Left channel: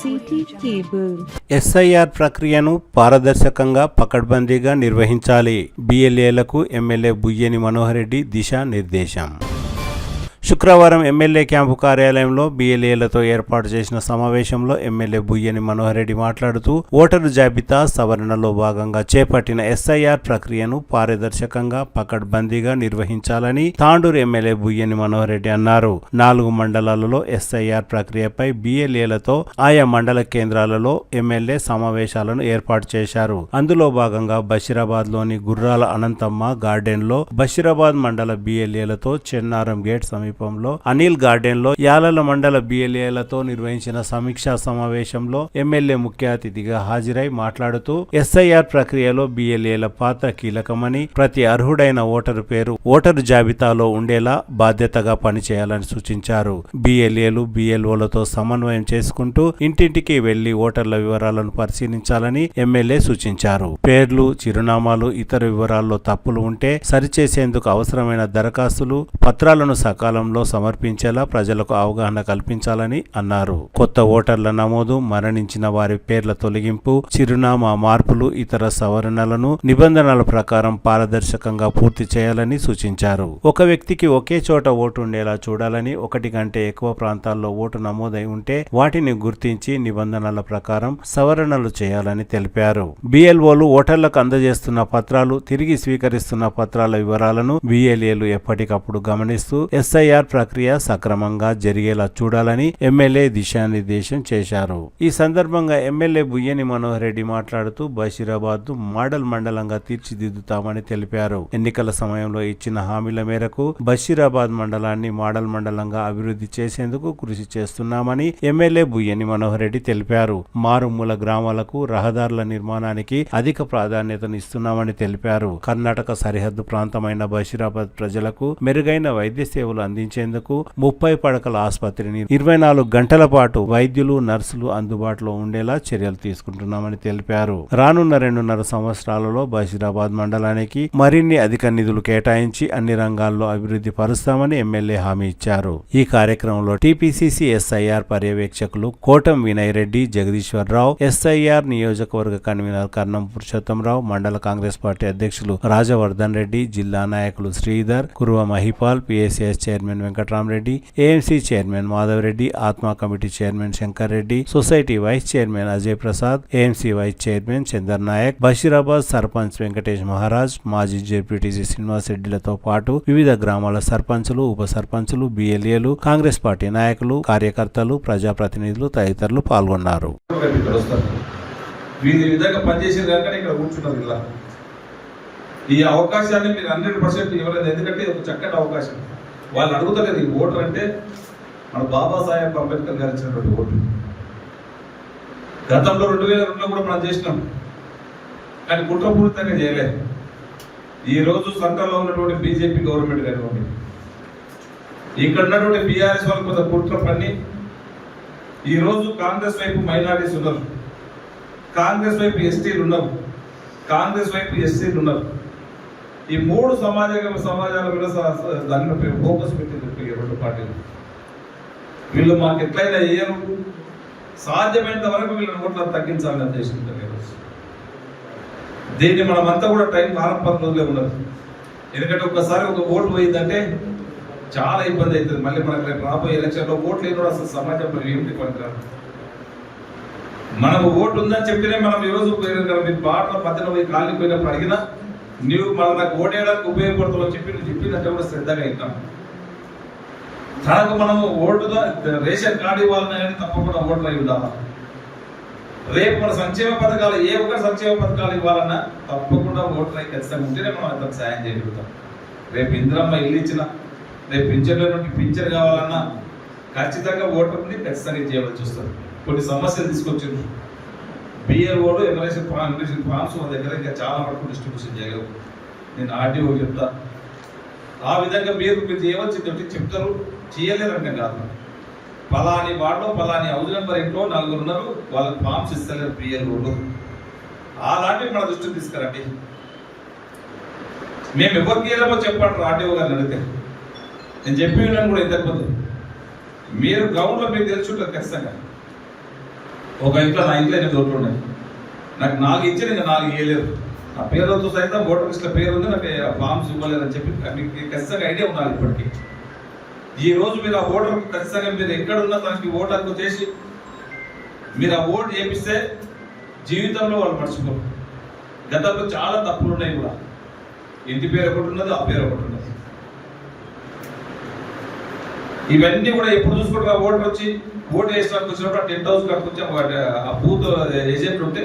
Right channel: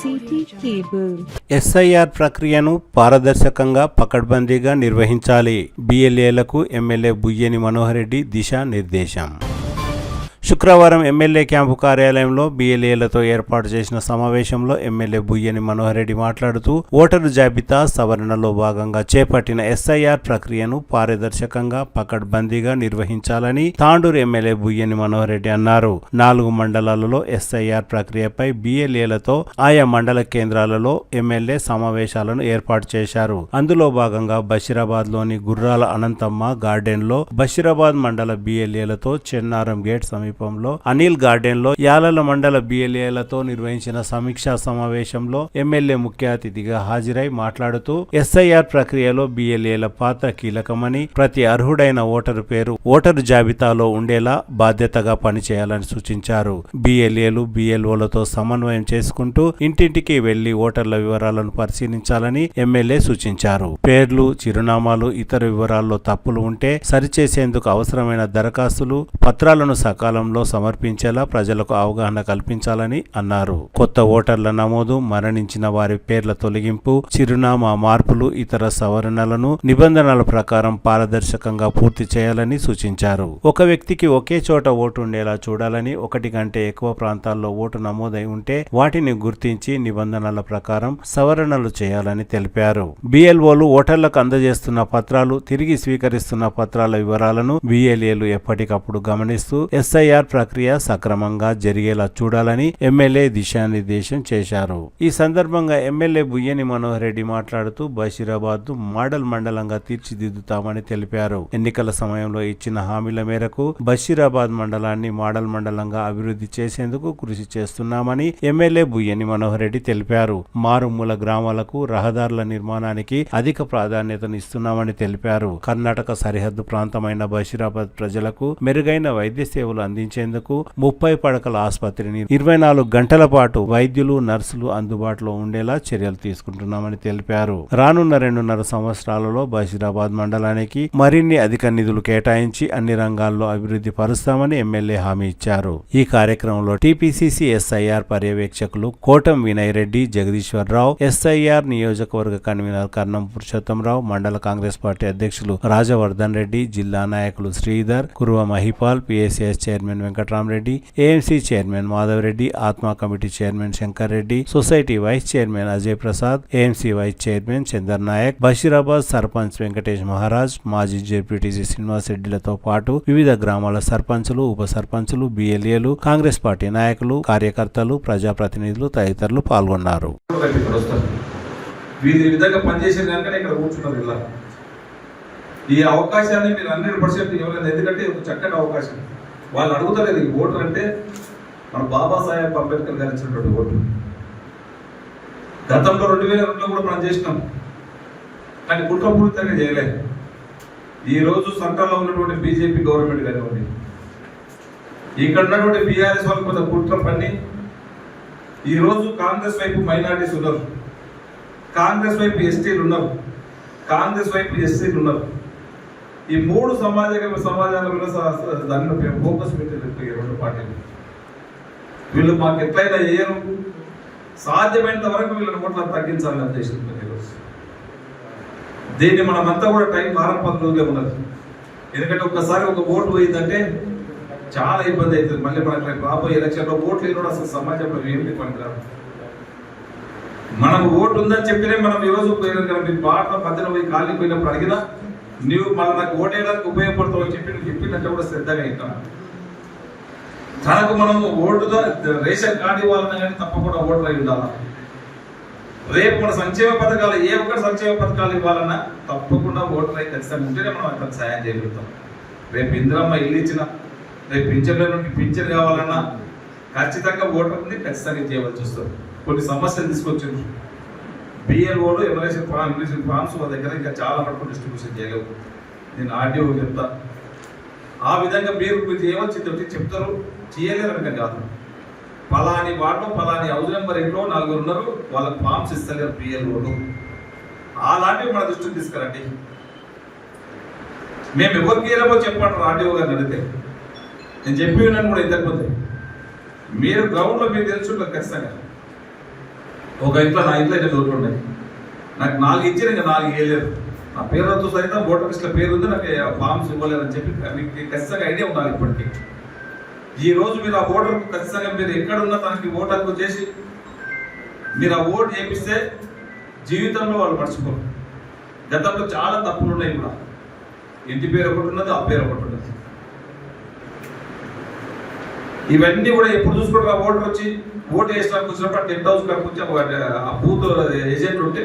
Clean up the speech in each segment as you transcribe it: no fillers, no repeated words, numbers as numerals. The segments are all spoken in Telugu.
City cable. ఎస్ఐఆర్ ప్రక్రియను పారదర్శకంగా పకడ్బందీగా నిర్వహించాలి. బిఎల్ఏలకు ఎమ్మెల్యే బుయ్యేని మనోహర్ రెడ్డి దిశానిర్దేశం. శుక్రవారం ఎమ్మెల్యే క్యాంపు కార్యాలయంలో బిఎల్ఏలతో ఏర్పాటు చేసిన సమావేశంలో ఎమ్మెల్యే బుయ్యేని మనోహర్ రెడ్డి మాట్లాడుతూ ఓటరు జాబితా సవరణలో భాగంగా చేపట్టిన ఎస్ఐఆర్ ప్రక్రియను పారదర్శకంగా పకడ్బందీగా నిర్వహించాలని తాండూరు ఎమ్మెల్యే బుయ్యేని మనోహర్ రెడ్డి అన్నారు. 4 మండలాలలో ఎస్ఐఆర్ ప్రక్రియపై బిఎల్ఏలతో ఆయా మండల కేంద్రాలలో ఎమ్మెల్యే సమావేశాలను ఏర్పాటు చేశారు. అందులో భాగంగా బషీరాబాద్లోని గుర్రాల అనంతమ్మ గార్డెన్లో బషీరాబాద్ మండల బిఎల్ఏలతో చెన్నారం గేట్ సమీపంలో అనిల్ గార్డెన్ లో యాలల మండల బిఎల్ఏలతో నిర్వహించిన సమీక్షా సమావేశంలో ఎమ్మెల్యే ముఖ్య అతిథిగా హాజరై మాట్లాడుతూ ఎస్ఐఆర్ ప్రక్రియలో బిఎల్ఏల పాత్ర కీలకమని, ప్రతి అర్హుడైన ఓటరు పేరు ఓటరు జాబితాలో ఉండేలా బాధ్యతగా పనిచేయాలని సూచించారు. బిఎల్ఏలు బిఎల్ఓలతో సమన్వయం చేసుకుంటూ ఇంటింటికి వెళ్లి ఓటర్ల వివరాలను పరిశీలించాలని ఎమ్మెల్యే సూచించారు. పేర్లు, చిరునామాలు, ఇతర వివరాల్లో తప్పులు ఉంటే సరిచేసేందుకు అవసరమైన దరఖాస్తులు, పత్రాలను సకాలంలో సమర్పించేలా ప్రజలకు అవగాహన కల్పించాలని అన్నారు. కొత్త ఓటర్ల నమోదు, మరణించిన వారి పేర్ల తొలగింపు, చిరునామా మార్పులు, ఇతర సవరణలను నిబంధనల ప్రకారం పారదర్శకంగా పూర్తి చేయాలని సూచించారు. ఒక వ్యక్తికి ఒకే చోట ఓటు ఉండేలా చూడాలని, 1 కంటే ఎక్కువ ప్రాంతాల్లో ఓటు నమోదై ఉంటే వాటిని గుర్తించి నిబంధనల ప్రకారం సవరణలు చేయాలని తెలిపారు. బిఎల్ఓలు ఓటర్లకు అందజేస్తున్న పత్రాలు, తిరిగి స్వీకరిస్తున్న పత్రాల వివరాలను బిఎల్ఏలు ఎప్పటికప్పుడు గమనిస్తూ ఎస్ఐఆర్ ప్రక్రియ సక్రమంగా జరిగేలా చూడాలని ఎమ్మెల్యే దిశానిర్దేశం చేశారు. ఈ సందర్భంగా ఎమ్మెల్యే బుయ్యేని మనోహర్ రెడ్డి మాట్లాడుతూ బషీరాబాద్ మోడల్ మండలంగా తీర్చిదిద్దుతామని తెలిపారు. ఎన్నికల సమయంలో ఇచ్చిన హామీల మేరకు బషీరాబాద్ మండలాన్ని మోడల్ మండలంగా అభివృద్ధి చేసేందుకు కృషి చేస్తున్నామని ఎమ్మెల్యే బుయ్యేని మనోహర్ రెడ్డి తెలిపారు. మారుమూల గ్రామాలకు రహదారుల నిర్మాణానికి అధిక ప్రాధాన్యతనిస్తున్నామని తెలిపారు. కర్ణాటక సరిహద్దు ప్రాంతమైన బషీరాబాద్ ప్రజలకు మెరుగైన వైద్య సేవలు అందించేందుకు 30 పడకల ఆసుపత్రిని 24 గంటల పాటు వైద్యులు, నర్సులు అందుబాటులో ఉండేలా చర్యలు తీసుకుంటున్నామని తెలిపారు. రానున్న 2.5 సంవత్సరాలలో బషీరాబాద్ మండలానికి మరిన్ని అధిక నిధులు కేటాయించి అన్ని రంగాల్లో అభివృద్ధి పరుస్తామని ఎమ్మెల్యే హామీ ఇచ్చారు. ఈ కార్యక్రమంలో టీపీసీసీ ఎస్ఐఆర్ పర్యవేక్షకులు కోటం వినయ్ రెడ్డి, జగదీశ్వరరావు, ఎస్ఐఆర్ నియోజకవర్గ కన్వీనర్ కర్ణం పురుషోత్తంరావు, మండల కాంగ్రెస్ పార్టీ అధ్యక్షులు రాజవర్ధన్ రెడ్డి, జిల్లా నాయకులు Sridhar, Kuruva Mahipal, PSCS chairman Venkatramareddy, AMC chairman Madhav Reddy, Atma committee chairman Shankar Reddy, society vice chairman Ajay Prasad, AMC vice chairman Chandar Naik, Basheerabad sarpanch Venkatesh Maharaj, మాజీ జెడ్పీటీసీ శ్రీనివాస్ రెడ్డిలతో పాటు వివిధ గ్రామాల సర్పంచులు, ఉప సర్పంచులు, బిఎల్ఏలు, కాంగ్రెస్ పార్టీ నాయకులు, కార్యకర్తలు, ప్రజాప్రతినిధులు తదితరులు పాల్గొన్నారు. ఈ అవకాశాన్ని మీరు 100% ఇవ్వలేదు. ఎందుకంటే ఒక చక్కటి అవకాశం. వాళ్ళు అడుగుతలేదు ఈ ఓటర్ అంటే మన బాబాసాహెబ్ అంబేద్కర్ గారు ఇచ్చినటువంటి ఓటు. గతంలో 2002లో కూడా మనం చేసినాం, కానీ కుట్రపూరితంగా చేయలేదు. ఈ రోజు సెంట్రల్లో ఉన్నటువంటి బీజేపీ గవర్నమెంట్ కానివ్వండి, ఇక్కడ ఉన్నటువంటి బీఆర్ఎస్ వాళ్ళు కొంత కుట్ర పని ఈ రోజు కాంగ్రెస్ వైపు మైనారిటీస్ ఉన్నారు, కాంగ్రెస్ వైపు ఎస్టీలు ఉన్నారు, కాంగ్రెస్ వైపు ఎస్సీలు ఉన్నారు. ఈ 3 సమాజాల మీద దాని ఫోకస్ పెట్టి 2 పార్టీలు వీళ్ళు మాకు ఎట్లయినా చేయరు, సాధ్యమైనంత వరకు వీళ్ళని కూడా తగ్గించాలని ఉద్దేశించారు. ఈరోజు దీన్ని మనమంతా కూడా టైం 4-10 రోజులే ఉన్నది. ఎందుకంటే ఒక్కసారి ఒక ఓటు పోయిందంటే చాలా ఇబ్బంది అవుతుంది. మళ్ళీ మనకు రాబోయే ఎలక్షన్లో ఓట్లు లేని కూడా అసలు సమాజంలో ఏమిటి పనికిరాదు. మనకు ఓటు ఉందని చెప్పినే మనం ఈరోజు బాటలో మధ్యలో పోయి కాళ్ళకి పోయినప్పుడు అడిగినా నువ్వు మళ్ళీ నాకు ఓటేయడానికి ఉపయోగపడుతుందని చెప్పినట్టు కూడా శ్రద్ధగా అవుతాం. తనకు మనము ఓటుతో రేషన్ కార్డు ఇవ్వాలన్నా కానీ తప్పకుండా ఓటర్ అయి ఉండాలి. రేపు మన సంక్షేమ పథకాలు ఏ ఒక్క సంక్షేమ పథకాలు ఇవ్వాలన్నా తప్పకుండా ఓటర్ అయి ఖచ్చితంగా ఉంటేనే మనం అంత సాయం చేయగలుగుతాం. రేపు ఇందిరమ్మ ఇల్లు ఇచ్చినా, రేపు పింఛన్ల నుండి పింఛన్ కావాలన్నా ఖచ్చితంగా ఓటర్ని ఖచ్చితంగా చేయవలసి వస్తుంది. కొన్ని సమస్యలు తీసుకొచ్చారు. బిఎల్ఓలు ఎమ్మెల్యేషన్ ఫామ్స్ మా దగ్గర ఇంకా చాలా మటుకు డిస్ట్రిబ్యూషన్ చేయలేవు. నేను ఆర్డీఓ చెప్తా, ఆ విధంగా మీరు చేయవలసి చెప్తారు, చేయలేరంటే కాదు. పలాని వార్డు పలాని హౌస్ నెంబర్ ఏంటో 4 ఉన్నారు, వాళ్ళకి ఫామ్స్ ఇస్తలేరు బిఎల్ఓలు. అలాంటివి మన దృష్టికి తీసుకురండి. మేము ఎవరికి ఏమో చెప్పండి ఆర్డీఓ గారిని అడిగితే. నేను చెప్పి ఉన్నాను కూడా ఇంతకుముందు, మీరు గ్రౌండ్లో మీరు తెలుసుంటారు ఖచ్చితంగా. ఒక ఇంట్లో నా ఇంట్లో 8 ఓట్లు ఉన్నాయి. నాకు 4 ఇచ్చారు, ఇంకా 4 ఇవ్వలేదు. నా పేరుతో సైతం ఓటర్ లిస్ట్లో పేరు ఉంది, నాకు ఆ ఫామ్స్ ఇవ్వలేదని చెప్పి మీకు ఖచ్చితంగా ఐడియా ఉండాలి. ఇప్పటికీ ఈ రోజు మీరు ఆ ఓటర్కు ఖచ్చితంగా మీరు ఎక్కడున్నా తనకి ఓటు హక్కు చేసి మీరు ఆ ఓటు చేపిస్తే జీవితంలో వాళ్ళు మర్చిపోరు. గతంలో చాలా తప్పులు ఉన్నాయి కూడా. ఇంటి పేరు ఒకటి ఉన్నది, ఆ పేరు ఒకటి ఉన్నది. ఇవన్నీ కూడా ఎప్పుడు చూసుకుంటారు. ఆ ఓటర్ వచ్చి ఓటు వేసడానికి వచ్చినప్పుడు టెంట్ హౌస్ కాడికి వచ్చి ఆ బూత్ ఏజెంట్ ఉంటే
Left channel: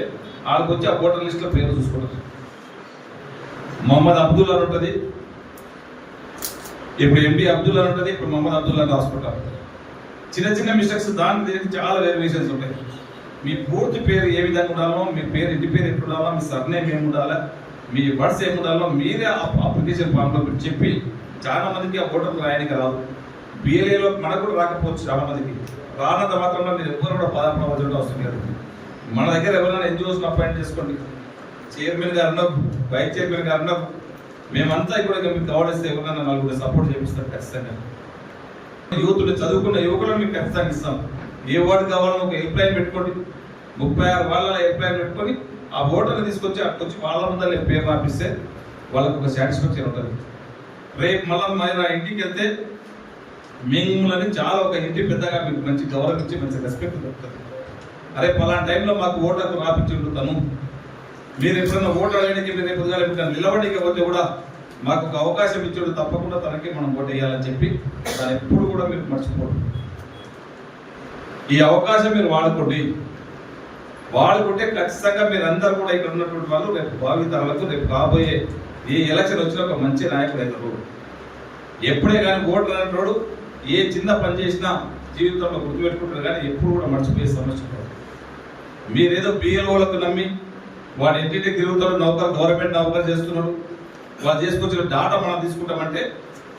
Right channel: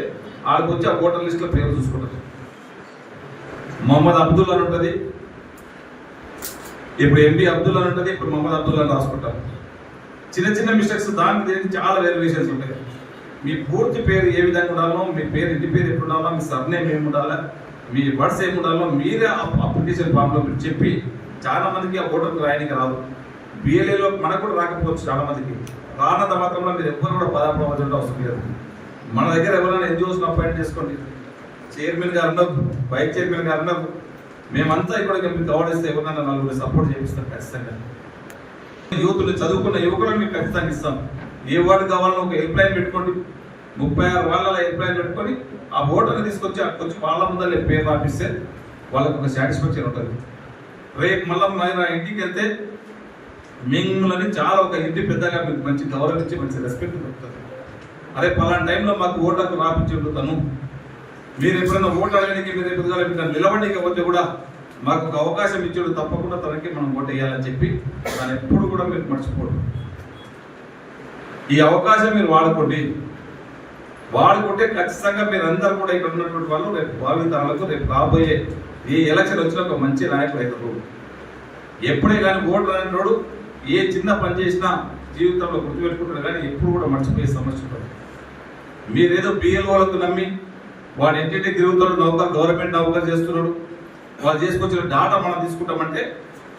వాళ్ళకి వచ్చి ఆ ఓటర్ లిస్ట్లో పేరు చూసుకుంటారు. మొహమ్మద్ అబ్దుల్ అని ఉంటుంది, ఇప్పుడు ఎండి అబ్దుల్ అని ఉంటుంది, ఇప్పుడు మొహమ్మద్ అబ్దుల్ అని రాసుకుంటారు. చిన్న చిన్న మిస్టేక్స్ దానికి దీనికి చాలా వేరియేషన్స్ ఉంటాయి. మీ పూర్తి పేరు ఏ విధంగా ఉండాలో, మీ పేరు ఇంటి పేరు ఎప్పుడు ఉండాలో, మీ సర్నేమ్ ఏమి ఉండాలా, మీ వర్డ్స్ ఏమి ఉండాలో మీరే అప్లికేషన్ ఫామ్లో మీరు చెప్పి చాలా మందికి ఆ ఓటర్లు రాయడానికి రాదు. బిఎల్ఏలో మనకు కూడా రాకపోవచ్చు చాలా మందికి. రానంత మాత్రంలో మీరు ఎవ్వరు కూడా పదార్థం అవసరం లేదు. మన దగ్గర ఎవరైనా ఎన్జిఓస్ అపాయింట్ చేసుకోండి. చైర్మన్ గారు అన్నారు, వైస్ చైర్మన్ గారు అన్నారు, మేమంతా ఇక్కడ మీకు గవర్నెన్స్ ఎవరైనా నలుగురు సపోర్ట్ చేపిస్తాం ఖచ్చితంగా. యూత్లు చదువుకున్న యువకులను మీకు ఖచ్చితంగా ఇస్తాం. ఏ వార్డు కావాలో ఒక హెల్ప్ లైన్ పెట్టుకోండి. 36 వాళ్ళ హెల్ప్ లైన్ పెట్టుకొని ఆ ఓటర్ని తీసుకొచ్చి అక్కడికి వాళ్ళ ముందర పేరు రాపిస్తే వాళ్ళకు ఒక సాటిస్ఫాక్షన్ ఉంటుంది. రేపు మళ్ళీ మన ఇంటికి వెళ్తే మిమ్మల్ని చాలా ఒక ఇంటి పెద్దగా మీకు మంచి గౌరవం ఇచ్చి మంచి రెస్పెక్ట్ దొరుకుతుంది. అరే పలానా టైంలో మాకు ఓటర్కు రాపించి తను మీరు ఎప్పుడైనా ఓటు అడగడానికి మీరు ఎప్పుడు నిలబడికి పోతే కూడా మాకు ఒక అవకాశం ఇచ్చాడు, తప్పకుండా తనకి మనం ఓటు వేయాలని చెప్పి దాన్ని ఎప్పుడు కూడా మీరు మర్చిపోరు. ఈ అవకాశం మీరు వాడుకోండి. ఖచ్చితంగా మీరు అందరూ కూడా ఇక్కడ ఉన్నటువంటి వాళ్ళు రేపు భావితరాలకు రేపు కాబోయే ఈ ఎలక్షన్ వచ్చిన ఒక మంచి నాయకుడు అవుతారు. ఎప్పుడే కానీ ఓటు అనేటోడు ఏ చిన్న పని చేసినా జీవితంలో గుర్తుపెట్టుకుంటారు, కానీ ఎప్పుడు కూడా మర్చిపోయే సమస్య ఉంటుంది. మీరేదో బిఎల్ఓలకు నమ్మి వాడు ఇంటింటికి తిరుగుతాడు, గవర్నమెంట్ నౌకరు చేస్తున్నాడు, వాళ్ళు చేసుకొచ్చిన డాటా మనం తీసుకుంటామంటే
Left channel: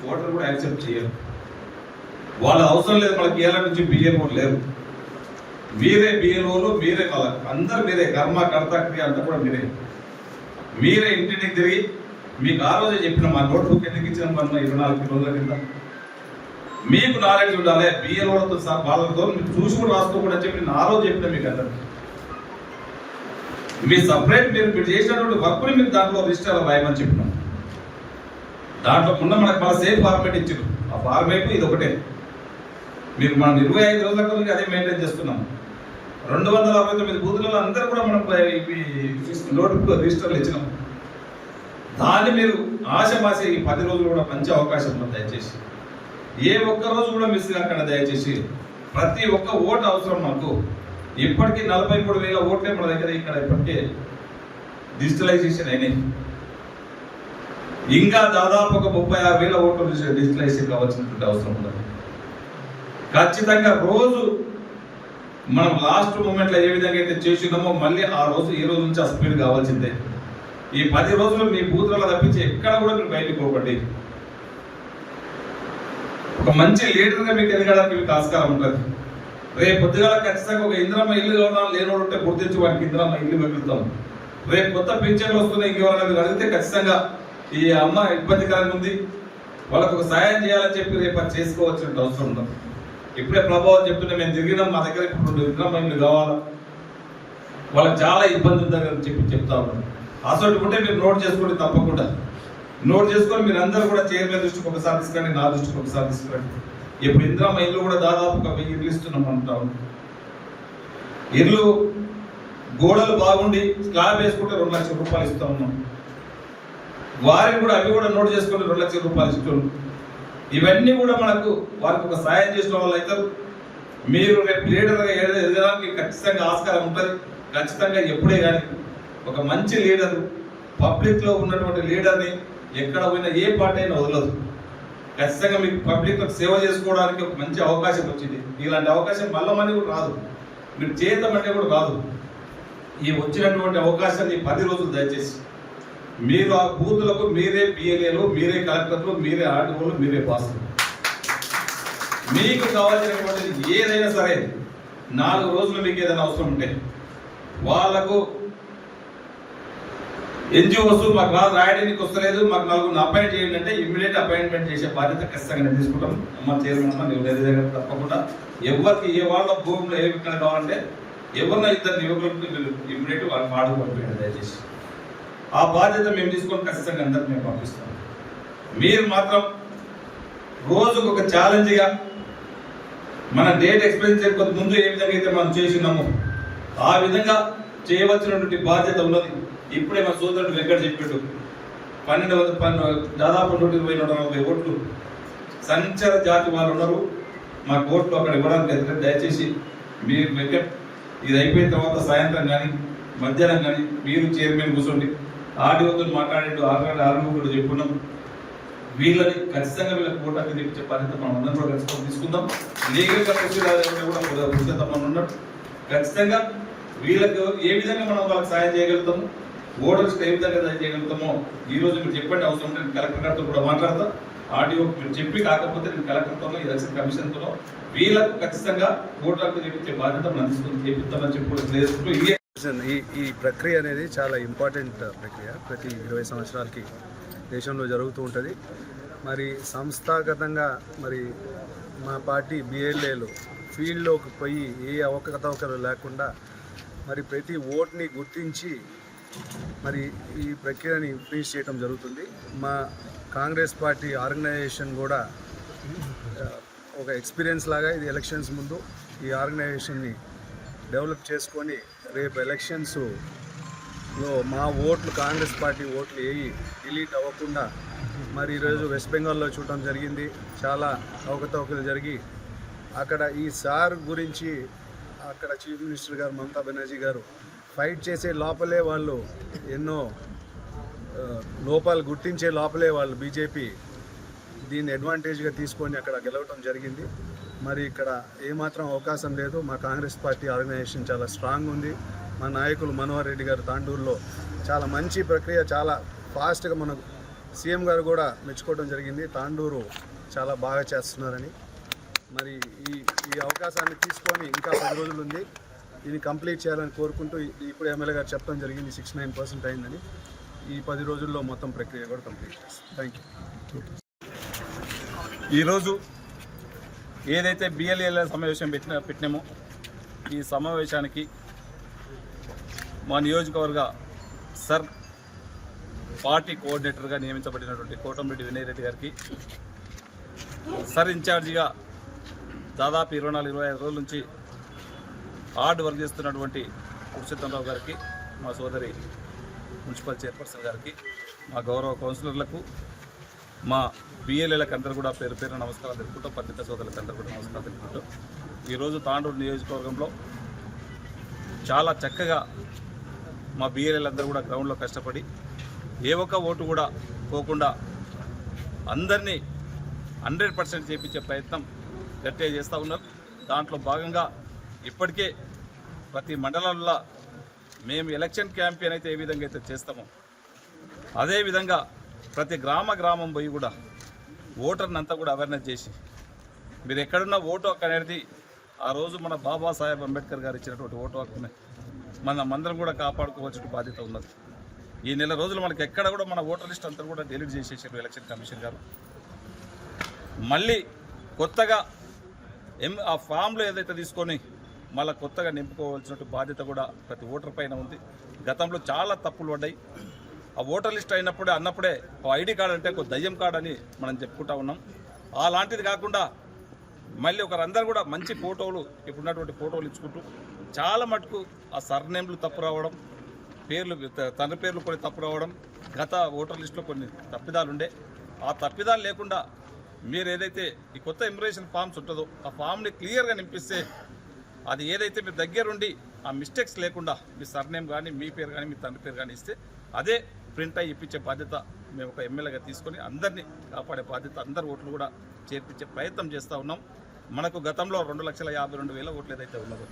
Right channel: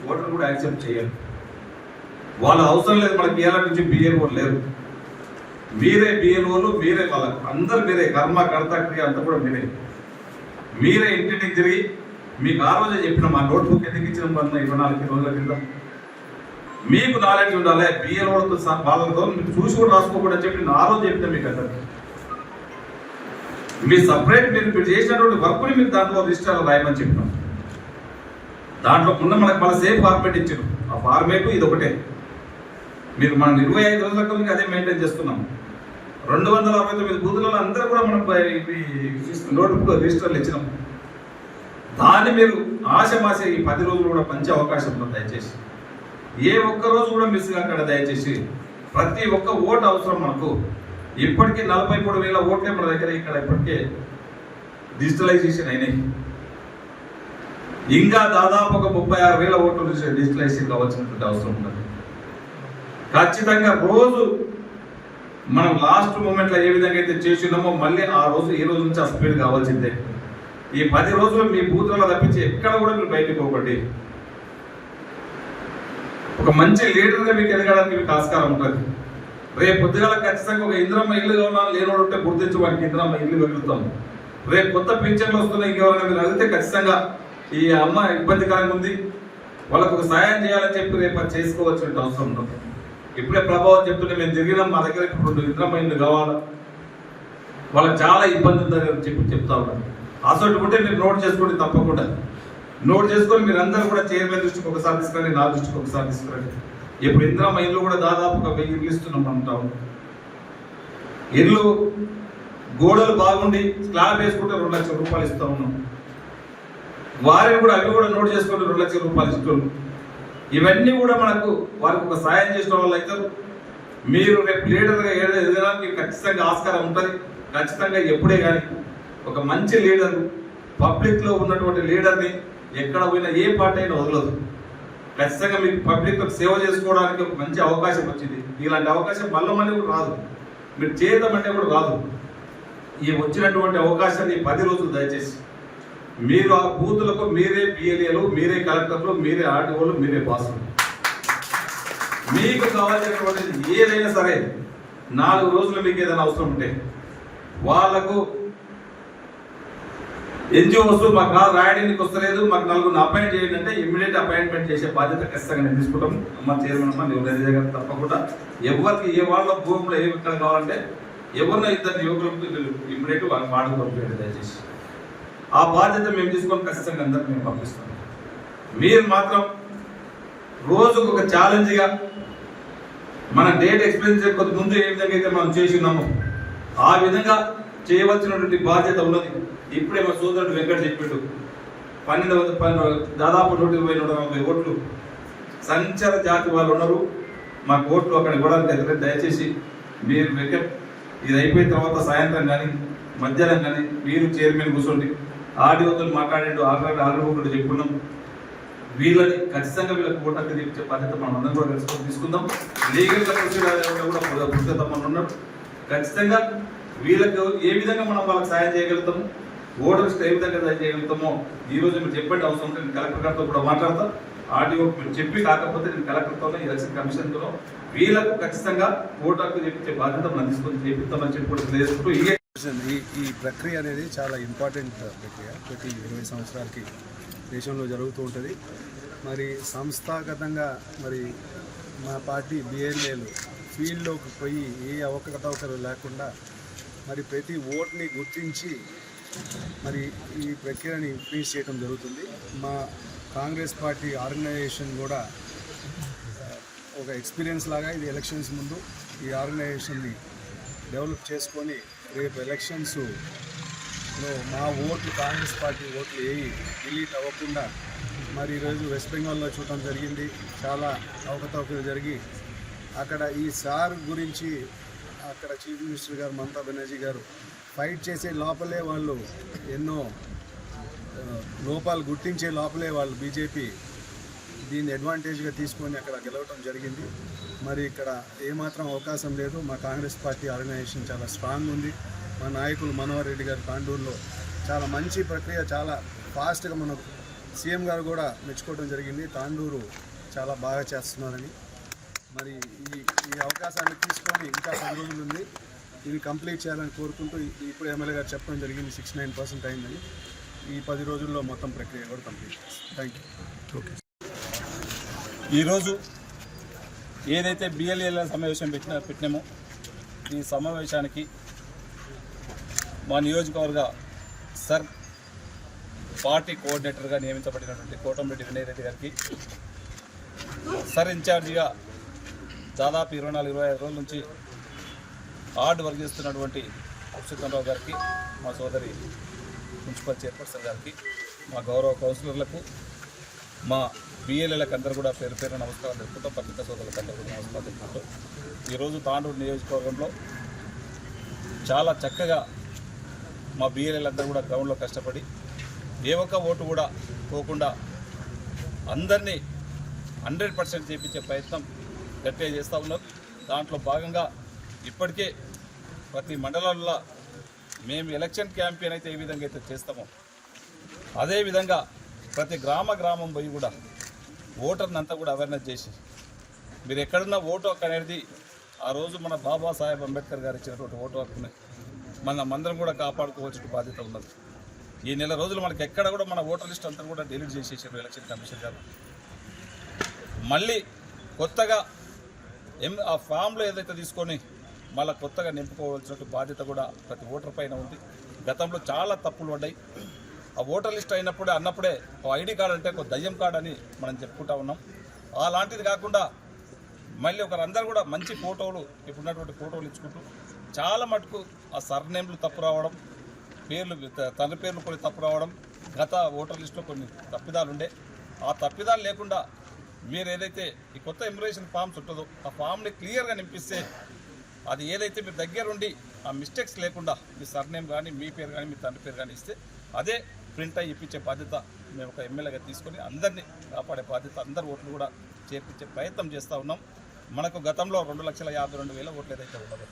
ఓటర్ కూడా యాక్సెప్ట్ చేయాలి. వాళ్ళ అవసరం లేదు, మనకి ఏళ్ళ నుంచి బిఎల్ఓ లేరు. మీరే బిఎల్ఓలు, మీరే వాళ్ళకు అందరు మీరే, కర్మ కర్త క్రియ అంతా కూడా మీరే ఇంటింటికి తిరిగి మీకు ఆ రోజే చెప్పినాం. ఆ నోట్బుక్ ఎందుకు ఇచ్చినాం మన 24 రోజుల కింద. మీకు నాలెడ్జ్ ఉండాలి. బిఎల్ఓలతో వాళ్ళతో మీరు చూసి కూడా రాసుకోకూడదని చెప్పి ఆ రోజు చెప్పినా మీకు అందరికి. మీ సపరేట్ మీరు చేసినటువంటి వర్క్ని మీరు దాంట్లో రిజిస్టర్లో రాయమని చెప్పినాం. దాంట్లో ఉన్న మనకు మన సేమ్ ఫార్మేట్ ఇచ్చారు. ఆ ఫార్మేట్ ఇది ఒకటే. మీరు మనం 25 రోజుల కొద్దిగా అదే మెయింటైన్ చేస్తున్నాం. 269 బూతులలో అందరూ కూడా మనం నోట్ రిజిస్టర్లు ఇచ్చినాం. దాన్ని మీరు ఆశమాస ఈ 10 రోజులు కూడా మంచి అవకాశం ఉంది. దయచేసి ఏ ఒక్క రోజు కూడా మిస్ కాకుండా దయచేసి ప్రతి ఒక్క ఓటు అవసరం మనకు. ఇప్పటికీ 43,000 ఓట్లే మన దగ్గర ఇక్కడ ఇప్పటికే డిజిటలైజేషన్ అయినాయి. ఇంకా దాదాపు ఒక 36,000 ఓట్లు డిజిటలైజేషన్ కావాల్సినటువంటి అవసరం ఉన్నది. ఖచ్చితంగా రోజు మనం లాస్ట్ మూమెంట్లో ఏ విధంగా అయితే చేసినామో మళ్ళీ ఆ రోజు ఈ రోజు నుంచి ఆ స్పీడ్ కావాల్సిందే. ఈ 10 రోజులు మీ బూత్లలో తప్పించి ఎక్కడ కూడా మీరు బయటకు పోకండి. ఒక మంచి లీడర్గా మీకు ఎదగడానికి మీకు ఆస్కారం ఉంటుంది. రేపు పొద్దుగాల ఖచ్చితంగా ఒక ఇంద్రమ్మ ఇల్లు కావాలని లేనోడు ఉంటే గుర్తించి వానికి ఇంద్రమ్మ ఇల్లు వెళ్తాం. రేపు కొత్త పింఛన్లు వస్తున్నాయి, ఇంకెవరైనా మీరు అడిగితే ఖచ్చితంగా ఈ అమ్మ ఇబ్బందికరంగా ఉంది, వాళ్ళకు ఒక సాయం చేయాలని చెప్పి రేపు అది చేసుకోవాల్సిన అవసరం ఉంటుంది. ఇప్పుడే ప్రభావం చెప్తుంటే మేము తిరిగినాం, మా దగ్గర ఇప్పుడు ఇంద్రమ్మ ఇల్లు కావాలా, వాళ్ళకి చాలా ఇబ్బంది ఉందని చెప్పి చెప్తా ఉన్నాం. అసలు ఉంటే మీరు నోట్ చేసుకోండి, తప్పకుండా నోట్ చేసుకొని మీరు అందరూ కూడా చైర్మన్ దృష్టికి ఒకసారి తీసుకురండి, నా దృష్టికి ఒకసారి తీసుకురండి. ఇప్పుడు ఇంద్రమ్మ ఇల్లు కూడా దాదాపు ఒక 1000 ఇల్లు ఇస్తున్నాం అంటాం. ఇల్లు గోడలు బాగుండి స్లాబ్ వేసుకుంటే 2 లక్షల రూపాయలు ఇస్తా ఉన్నాం. వారిని కూడా అవి కూడా నోట్ చేసుకుంటే 2 లక్షల రూపాయలు ఇస్తున్నాం. ఇవన్నీ కూడా మనకు వారికి ఒక సాయం చేసిన వాళ్ళు అయితే మీరు రేపు లీడర్గా ఎదగడానికి ఖచ్చితంగా ఆస్కారం ఉంటుంది. ఖచ్చితంగా ఎప్పుడే కానీ ఒక మంచి లీడర్, పబ్లిక్లో ఉన్నటువంటి లీడర్ని ఎక్కడ పోయినా ఏ పార్టీ అయినా వదలదు. ఖచ్చితంగా మీకు పబ్లిక్ సేవ చేసుకోవడానికి ఒక మంచి అవకాశం వచ్చింది. ఇలాంటి అవకాశం మళ్ళీ కూడా రాదు, మీరు చేయటమంటే కూడా రాదు. ఈ వచ్చినటువంటి అవకాశాన్ని 10 రోజులు దయచేసి మీరు ఆ బూతులకు మీరే పిఎల్ఏలు, మీరే కలెక్టర్లు, మీరే ఆర్టీఓలు, మీరే బాసులు. మీకు కావాల్సినటువంటి ఏదైనా సరే 4 రోజులు మీకు ఏదైనా అవసరం ఉంటే వాళ్లకు ఎన్జిఓస్ మాకు రాయడానికి వస్తలేదు, మాకు 4 అపాయింట్ చేయండి అంటే ఇమ్మీడియట్ అపాయింట్మెంట్ చేసే బాధ్యత ఖచ్చితంగా నేను తీసుకుంటాం. అమ్మ చైర్మన్ అమ్మ నువ్వు దగ్గర తప్పకుండా ఎవరికి ఏ వాళ్ళ భూమిలో ఏమి ఇక్కడ కావాలంటే ఎవరినో ఇద్దరు యువకులకు ఇమ్మీడియట్ వాళ్ళ మాటలు పంపించండి దయచేసి. ఆ బాధ్యత మేము తీసుకొని ఖచ్చితంగా అందరికి మేము పంపిస్తాం. మీరు మాత్రం రోజుకు ఒక ఛాలెంజ్గా మన డేట్ ఎక్స్పీరియన్స్ చేయకపోతే ముందు ఏ విధంగా అయితే మనం చేసినామో ఆ విధంగా చేయవలసినటువంటి బాధ్యత ఉన్నది. ఇప్పుడే మా సోదరుడు వెంకట చెప్పాడు, 1200 దాదాపు 120-140 ఓట్లు సంచార జాతి వాళ్ళు ఉన్నారు, మాకు ఓట్లు అక్కడ ఇవ్వడానికి లేదు. దయచేసి మీరు వెంకట్ ఇది అయిపోయిన తర్వాత సాయంత్రం కానీ మధ్యాహ్నం కానీ మీరు చైర్మన్ కూర్చోండి, ఆర్డీఓతో మాట్లాడండి, ఆర్డీఓ చెప్పుకున్నాం. వీళ్ళని ఖచ్చితంగా వీళ్ళకి ఓటాకి తెప్పించే బాధ్యత మనం అందరం కూడా కలుసుకొని తీసుకుందాం. లీగల్గా కూడా పురుషోత్తమని ఉన్నాడు. ఖచ్చితంగా వీళ్ళకు ఏ విధంగా మనం వాళ్ళకి సాయం చేయగలుగుతాము, ఓటర్స్కి ఏ విధంగా సాయం చేయగలుగుతామో ఈ రోజు మీరు చెప్పండి. అవసరం ఉంటే నేను కలెక్టర్ గారితో కూడా మాట్లాడతాను. ఆర్డీఓ మీరు చెప్పి కాకపోతే నేను కలెక్టర్తో ఎలక్షన్ కమిషన్తో వీళ్ళకు ఖచ్చితంగా ఓటర్కి తెప్పించే బాధ్యత మనం తీసుకొని చేపిస్తామని చెప్పి ఈ ప్రక్రియ అనేది చాలా ఇంపార్టెంట్ ప్రక్రియ. ప్రతి 20 సంవత్సరాలకి దేశంలో జరుగుతూ ఉంటుంది. మరి సంస్థాగతంగా మరి మా పార్టీ బిఎల్ఏలు ఫీల్డ్లోకి పోయి ఏ అవకతవకలు లేకుండా మరి ప్రతి ఓట్ని గుర్తించి మరి ఈ ప్రక్రియని ఫినిష్ చేయడం జరుగుతుంది. మా కాంగ్రెస్ పార్టీ ఆర్గనైజేషన్ కూడా ఒక ఎక్స్పీరియన్స్ లాగా ఇది ఎలక్షన్స్ ముందు ఈ ఆర్గనైజేషన్ని డెవలప్ చేసుకొని రేపు ఎలక్షన్స్లో మా ఓట్లు కాంగ్రెస్ పార్టీ ఓట్లు ఏవి డిలీట్ అవ్వకుండా మరి ఈరోజు వెస్ట్ బెంగాల్లో చూడటం జరిగింది. చాలా అవకతవకలు జరిగి అక్కడ ఈ సార్ గురించి అక్కడ చీఫ్ మినిస్టర్ గారు మమతా బెనర్జీ గారు ఫైట్ చేసే లోపలే వాళ్ళు ఎన్నో లోపాలు గుర్తించే లోపలే వాళ్ళు బీజేపీ దీన్ని అడ్వాంటేజ్గా తీసుకొని అక్కడ గెలవటం జరిగింది. మరి ఇక్కడ ఏమాత్రం అవకాశం లేదు. మా కాంగ్రెస్ పార్టీ ఆర్గనైజేషన్ చాలా స్ట్రాంగ్ ఉంది. మా నాయకులు మనోహర్ రెడ్డి గారు తాండూరులో చాలా మంచి ప్రక్రియ, చాలా ఫాస్ట్గా మన సీఎం గారు కూడా మెచ్చుకోవడం జరిగింది. తాండూరు చాలా బాగా చేస్తున్నారని. మరి ఈ అవకాశాన్ని తీసుకొని ఇంకా 10 రోజులు ఉంది, ఇది కంప్లీట్ చేయాలని కోరుకుంటూ ఇప్పుడు ఎమ్మెల్యే గారు చెప్పడం జరిగింది 69% అయిందని. ఈ 10 రోజుల్లో మొత్తం ప్రక్రియ కూడా కంప్లీట్ చేస్తాం. Thank you. ఈరోజు ఏదైతే బిఎల్ఏల సమావేశం పెట్టినామో ఈ సమావేశానికి మా నియోజకవర్గ సర్ పార్టీ కోఆర్డినేటర్గా నియమించబడినటువంటి కోటంరెడ్డి వినయ్ రెడ్డి గారికి, సర్ ఇన్ఛార్జిగా దాదాపు 24-25 రోజుల నుంచి హార్డ్ వర్క్ చేస్తున్నటువంటి పురుషోత్తమరావు గారికి, మా సోదరి మున్సిపల్ చైర్పర్సన్ గారికి, మా గౌరవ కౌన్సిలర్లకు, మా బిఎల్ఏలకు అందరూ కూడా పేరు పేరు నమస్కారాలు తెలుపుకుంటూ, పత్రికా సోదరులకు అందరూ కూడా నమస్కారాలు తెలుపుకుంటూ ఈరోజు తాండూరు నియోజకవర్గంలో చాలా చక్కగా మా బిఎల్ఏలందరూ కూడా గ్రౌండ్లో కష్టపడి ఏ ఒక్క ఓటు కూడా పోకుండా అందరినీ 100% చేయించే ప్రయత్నం గట్టిగా చేస్తూ ఉన్నారు. దాంట్లో భాగంగా ఇప్పటికే ప్రతి మండలంలో మేము ఎలక్షన్ క్యాంపెయిన్ అయితే ఏ విధంగా అయితే చేస్తామో అదేవిధంగా ప్రతి గ్రామం పోయి కూడా ఓటర్ని అంతా కూడా అవేర్నెస్ చేసి మీరు ఎక్కడున్న ఓటు హక్కు అనేది ఆ రోజు మన బాబాసాహెబ్ అంబేద్కర్ గారు ఇచ్చినటువంటి ఓటు హక్కుని అందరం కూడా కాపాడుకోవాల్సిన బాధ్యత ఉన్నది. ఈ నెల రోజులు మనకి ఎక్కడ కూడా మన ఓటర్ లిస్ట్ అంతా కూడా డిలీట్ చేసేసారు ఎలక్షన్ కమిషన్ గారు. మళ్ళీ కొత్తగా ఆ ఫామ్లో ఏదైతే తీసుకొని మళ్ళీ కొత్తగా నింపుకోవాల్సిన బాధ్యత కూడా ప్రతి ఓటర్ పైన ఉంది. గతంలో చాలా తప్పులు పడ్డాయి. ఆ ఓటర్ లిస్ట్ అన్నప్పుడే ఐడి కార్డు అంటే ఒక దయ్యం కార్డు అని మనం చెప్పుకుంటా ఉన్నాం. అలాంటిది కాకుండా మళ్ళీ ఒకరందరూ కూడా మంచి ఫోటోలు, ఇప్పుడున్నటువంటి ఫోటోలు ఇచ్చుకుంటూ చాలా మటుకు ఆ సర్నేమ్లు తప్పు రావడం, తండ్రి పేర్లు కొన్ని తప్పు రావడం, గత ఓటర్ లిస్టులో కొన్ని తప్పిదాలు ఉండే. ఆ తప్పిదాలు లేకుండా మీరు ఏదైతే ఈ కొత్త ఇమిగ్రేషన్ ఫామ్స్ ఉంటుందో ఆ ఫామ్ని క్లియర్గా నింపిస్తే అది ఏదైతే మీరు దగ్గరుండి ఆ మిస్టేక్స్ లేకుండా మీ సర్నేమ్ కానీ మీ పేరు కానీ మీ తండ్రి పేరు కానీ ఇస్తే అదే ప్రింట్ అయ్యి ఇప్పించే బాధ్యత మేము ఒక ఎమ్మెల్యేగా తీసుకొని అందరినీ కాపాడే బాధ్యత, అందరి ఓట్లు కూడా చేర్పించే ప్రయత్నం చేస్తూ ఉన్నాం. మనకు గతంలో 2,52,000 ఓట్లు ఏదైతే ఉన్నదో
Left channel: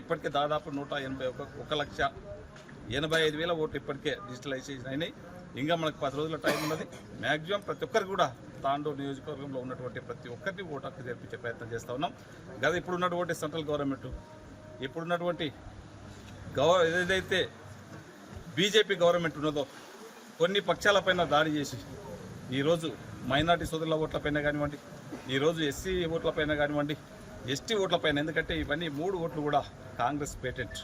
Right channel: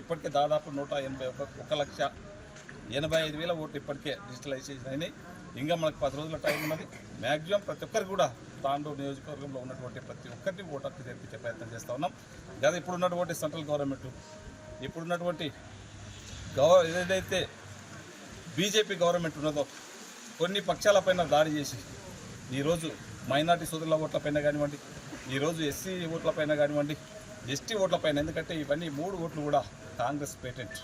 ఇప్పటికే దాదాపు 1,85,000 ఓట్లు ఇప్పటికే డిజిటలైజేషన్ అయినాయి. ఇంకా మనకు 10 రోజుల టైం ఉన్నది. మ్యాక్సిమం ప్రతి ఒక్కరు కూడా తాండూరు నియోజకవర్గంలో ఉన్నటువంటి ప్రతి ఒక్కరిని ఓటు హక్కు చేర్పించే ప్రయత్నం చేస్తూ ఉన్నాం. కదా ఇప్పుడున్నటువంటి సెంట్రల్ గవర్నమెంట్, ఇప్పుడున్నటువంటి ఏదైతే బీజేపీ గవర్నమెంట్ ఉన్నదో కొన్ని పక్షాలపైన దాడి చేసి ఈరోజు మైనార్టీ సోదరుల ఓట్లపైన కానివ్వండి, ఈరోజు ఎస్సీ ఓట్లపైన కానివ్వండి, ఎస్టీ ఓట్లపైన, ఎందుకంటే ఇవన్నీ 3 ఓట్లు కూడా కాంగ్రెస్ పేటెంట్.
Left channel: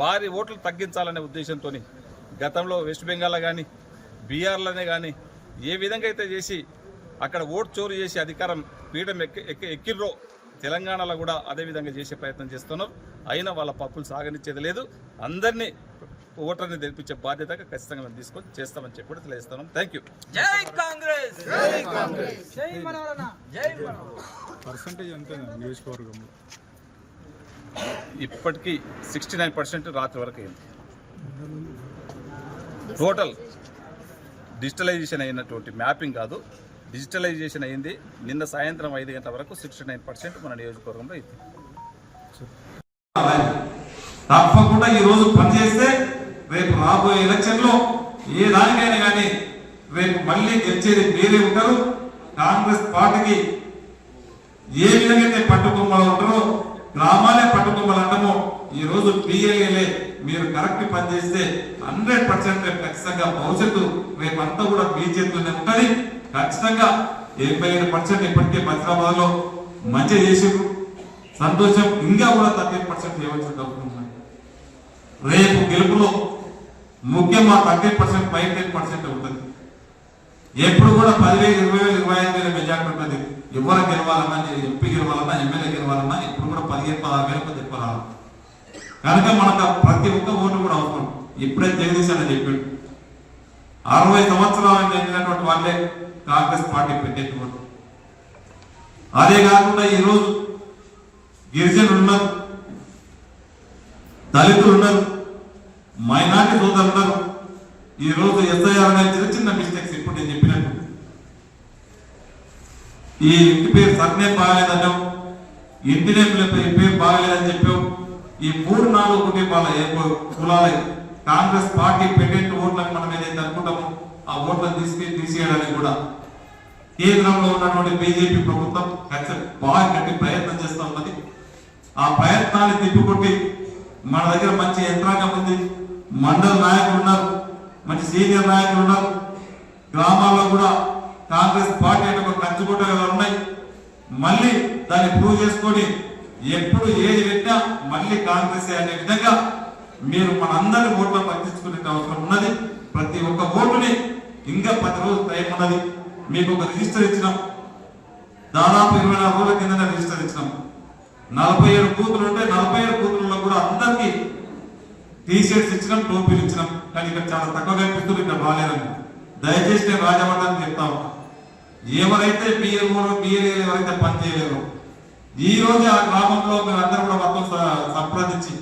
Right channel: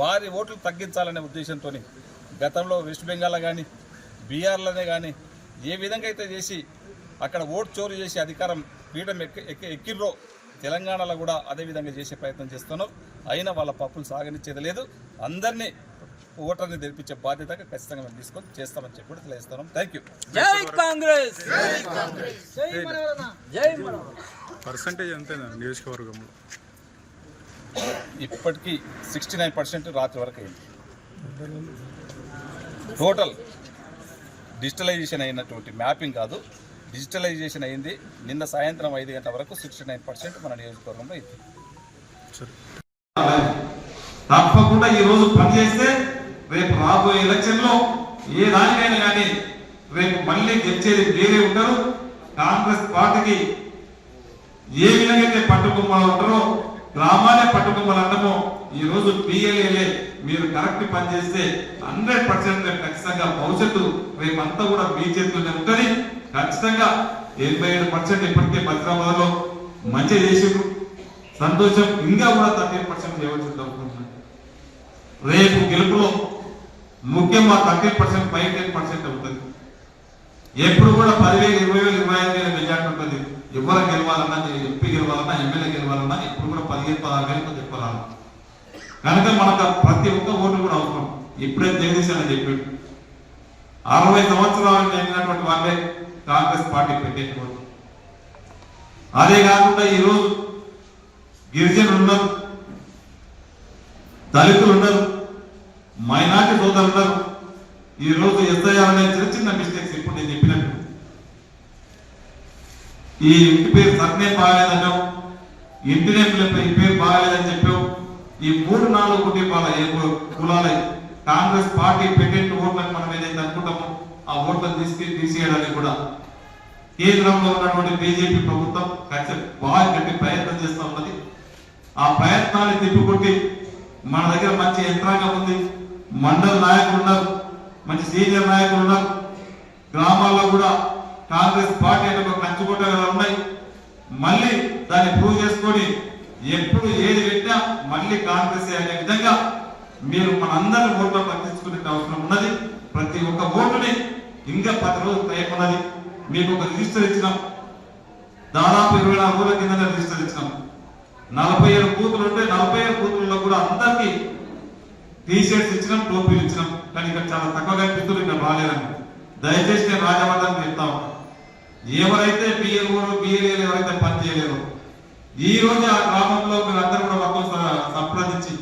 వారి ఓట్లు తగ్గించాలనే ఉద్దేశంతో గతంలో వెస్ట్ బెంగాల్లో కానీ బీహార్లోనే కానీ ఏ విధంగా అయితే చేసి అక్కడ ఓటు చోరు చేసి అధికారం పీఠం ఎక్కిర్రో తెలంగాణలో కూడా అదే విధంగా చేసే ప్రయత్నం చేస్తున్నారు. అయినా వాళ్ళ పప్పులు సాగనిచ్చేది లేదు. అందరినీ ఓటర్ని తెరిపించే బాధ్యత ఖచ్చితంగా మేము తీసుకొని చేస్తామని చెప్పి కూడా తెలియజేస్తున్నాం. Thank you. పర్సంటేజ్ అంతేనా నియోజకవర్గంలో? ఇప్పటికీ 69% రాత్రి వరకు అయింది. టోటల్ డిజిటలైజేషన్ అయినటువంటి మ్యాపింగ్ కాదు, డిజిటలైజేషన్ అయింది. నిన్న సాయంత్రం 5 గంటల వరకు 69% మన నియోజకవర్గంలో అయింది. తప్పకుండా ఈ రోజు పనిచేస్తే రేపు రాబోయే ఎలక్షన్ లో ఏ దానికైనా కానీ రేపు మళ్ళీ గెలిచేది మీరే ఉంటారు. కాంగ్రెస్ పార్టీకి ఏ విధంగా అయితే పట్టుకొమ్మలు ఉంటారో, గ్రామాలే పట్టుకొమ్మలు అంటామో, ఈ రోజు పిఎల్ఏలే మీరు కరెక్ట్ పనిచేస్తే 100% రేపు ఖచ్చితంగా భవిష్యత్తు రేపు అంతా కూడా మీ చేతుల్లోనే ఉంటుంది. ఖచ్చితంగా 75% ఇప్పటికే హైదరాబాద్ లో మంచిగా చేసి సంతోషం. ఇంకా కూడా 30% చేయవచ్చు. రేపు గెలుపులో ముఖ్యంగా 30% 10% ఉంటుంది. ఎప్పుడు కూడా 10,000, 20,000, 25,000 మెజార్టీ ఉంటుంది. ఎవరు గెలవాలన్నా, ఎంపీ గెలవాలన్నా, ఎమ్మెల్యే గెలవాలన్నా ఎప్పుడు కూడా 15,000-16,000 చెప్పాలి. కనుక మనకు ప్రతి ఒక్క ఓటు కూడా అవసరం. ఇప్పుడే జగదీశ్ అని చెప్పాడు, 60 సంవత్సరాలు జరిగినటువంటి వాళ్ళే కాంగ్రెస్ పార్టీ పెట్టేటువంటి. అదే కాకుండా ఈరోజు గిరిజనులు ఉన్నారు, దళితులు ఉన్నారు, మైనార్టీ సోదరులు ఉన్నారు. ఈ రోజు ఎస్ఐఆర్ చిన్న చిన్న మిస్టేక్స్ ఇప్పుడు నేను చెప్పినట్టు ఈ ఇంటి పేరు సర్నే బాగాలేదన్నాం, ఇంటి పేరు బాగాలేదని చెప్పాం. ఈ 3-4 కుటుంబాల కులాలే కాంగ్రెస్ పార్టీ పెట్టేట్టు ఓట్లను మనం ఏదైతే అనుకుంటామో ఆ ఓట్లను తీసేయడానికి కూడా కేంద్రంలో ఉన్నటువంటి బీజేపీ ప్రభుత్వం బాగా గట్టి ప్రయత్నం చేస్తూ ఉన్నది. ఆ ప్రయత్నాన్ని తిప్పికొట్టి మన దగ్గర మంచి యంత్రాంగం ఉంది, మండల నాయకులు ఉన్నారు, మంచి సీనియర్ నాయకులు ఉన్నారు. గ్రామాల్లో కూడా కాంగ్రెస్ పార్టీ ఒక కంచుకోటగా ఉన్నాయి. మళ్ళీ దాన్ని ప్రూవ్ చేసుకొని ఎప్పుడు ఏది పెట్టినా మళ్ళీ కాంగ్రెస్ అనే విధంగా మీరు మనందరి ఓట్లు పట్టించుకునే అవసరం ఉన్నది. ప్రతి ఒక్క ఓటుని ఇంకా 10 రోజులు టైం ఉన్నది. మీకు ఒక రిజిస్టర్ ఇచ్చినాం, దాదాపు 24 రోజుల కింద రిజిస్టర్ ఇచ్చినాం. 47 బూతులు ఉంటే 47 బూతుల్లో కూడా అందరికి టీషర్ట్స్ ఇచ్చినాం, టోపీలు ఇచ్చినాం. కానీ ఇక్కడ చాలా తక్కువగా పిస్తులు ఇక్కడ రాలేదండి. దయచేసి నేను రాజవర్ధన్ చెప్తాం, ఎవరైతే బిఎల్ఓ బిఎల్ఏ ఎవరైతే పని చేయలేరు ఈ రోజు ఆ గ్రామంలో మీరు అందరూ కూడా వాళ్ళతో సంప్రదించి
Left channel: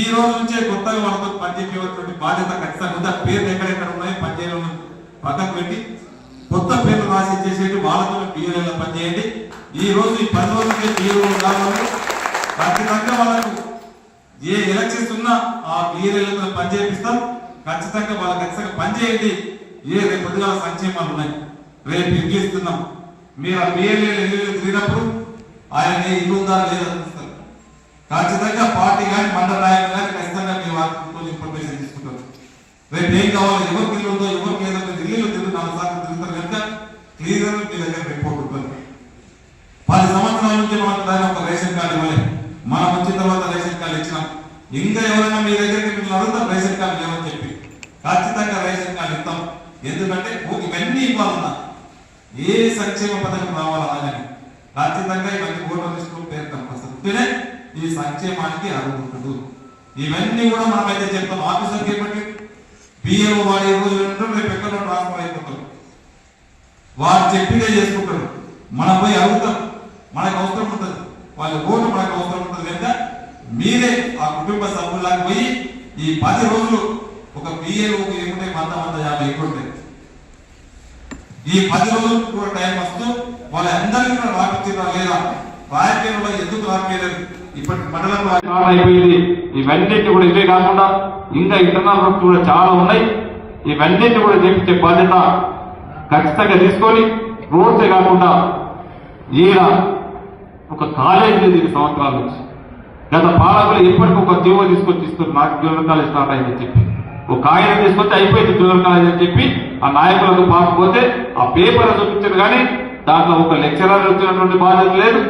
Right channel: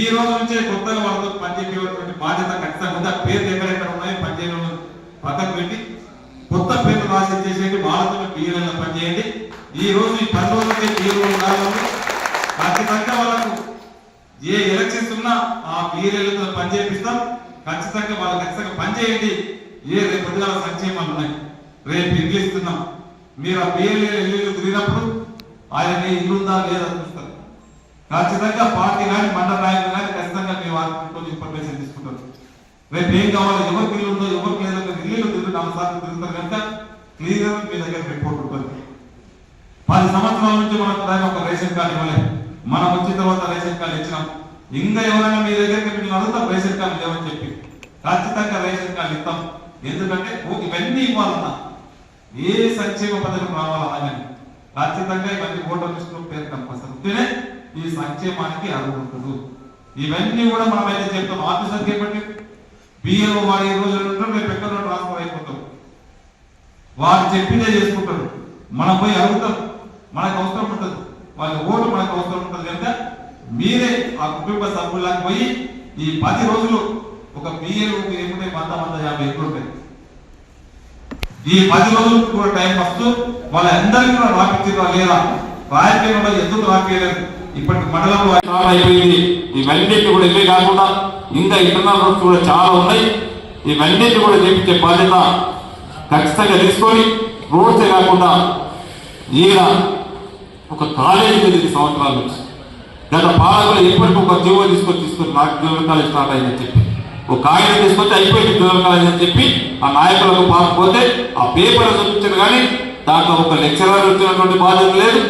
ఈ రోజు నుంచే కొత్తగా వాళ్ళతో పనిచేసేటువంటి బాధ్యత ఖచ్చితంగా ఉందా. పేరు ఎక్కడెక్కడ ఉన్నాయి పనిచేయడం పక్కకు పెట్టి కొత్త పేర్లు రాసి చేసేది వాళ్ళతో బిఎల్ఏ పనిచేయండి. ఈ రోజు ఈ 10 రోజులకే బిఎల్ఓ కావాలి. ఖచ్చితంగా వాళ్ళకు ఏ ఎలక్షన్స్ ఉన్నా ఆ బిఎల్ఏలతో పనిచేపిస్తాం. ఖచ్చితంగా వాళ్ళు ఖచ్చితంగా పనిచేయండి. ఏ రేపు ప్రజల సంక్షేమాలు ఉన్నాయి, రేపు ఇల్లు ఇస్తున్నాం. మీరు ఆ బిఎల్ఏ తిరిగినప్పుడు ఆయన ఇల్లు ఉందా లేదా చూస్తారు. ఖచ్చితంగా పార్టీ కానీ మండల నాయకులు కానీ ఖచ్చితంగా మీ వారికి కొంచెం ఇన్ఫర్మేషన్ తీసుకుంటారు. రేపు ఏం కావాలి, ఎవరికి ఇల్లు ఉందో ఎవరికి ఏదో ఇల్లు తిరుగుతారు, 4 సార్లు తిరుగుతారు కనుక క్లియర్ గా మీ దగ్గర రిపోర్ట్ ఉంటుంది. 10 సంవత్సరాల నుంచి మనం ఒక రేషన్ కార్డు ఇవ్వలేదు, మనం వచ్చిన తర్వాత రేషన్ కార్డు ఇచ్చినాం. ఇంకా ఎవరైనా మీ దగ్గరికి మేము అడుగుతాం రేషన్ కార్డు లేవని చెప్పి ఖచ్చితంగా రేషన్ కార్డు ఇస్తాం. ఎందుకంటే ఇవన్నీ ఇవ్వాలన్నా ఏ సంక్షేమ పథకం రావాలన్నా ఖచ్చితంగా ఇవన్నీ ఓటర్ లిస్టులో పేరు కనిపిస్తుంటేనే ఈ సంక్షేమానికి అర్హుంటుంది. ఇవన్నీ కూడా మనం అయితే చెప్తాం. ఆఫీసర్కి ఏమంటే బియ్యం వాడి రేపు ఎక్కడ ట్రాన్స్ఫర్ అయిపోతాం, వాడు చెప్పిందే చేసుకుంటారు. మనం పోయి అడుగుతాం, మనకు అవసరం ఉంటుంది, వాళ్ళ ఓటు మనకు అవసరం ఉంటుంది కనుక మీరే ఆ కుటుంబ సభ్యులకు పోయి ఈ 10 రోజులు ఒక బియ్యం ఏముంటే 100-150 ఎక్కువ ఉంటాయి. ఈ 10 రోజులు కూడా టైం వస్తూ వాళ్ళందరికీ కూడా రాపించారా లేదా, రాయకుండా ఎందుకు రాపించలేదు. ఇప్పటి మండలం అయిపోయింది. ఇవన్నిటి కూడా ఇవే కాకుండా ఇంకా ఇంటర్నల్ కూడా చాలా ఉన్నాయి. ఇవన్నిటి కూడా చేపించే బాధ్యత ఖచ్చితంగా తీసుకొని రోజే కాకుండా ఈయన ఒక కాలేజీ 10 సంవత్సరాల నుంచి గత పాలకులు ఎప్పటికీ ఒక జీవో తీసుకొని నాకు జూనియర్ కాలేజ్ స్టార్ట్ అయిందని చెప్పి ఒక కాగితం తీసుకొచ్చి అయిపోయింది జూనియర్ కాలేజ్ అని చెప్పి ఆ నాయకులకు పాకపోతే ఆ పేపర్ చూపించారు. కానీ దాంట్లో ఒక లెక్చరర్ వచ్చినటువంటి బాధ్యత లేదు,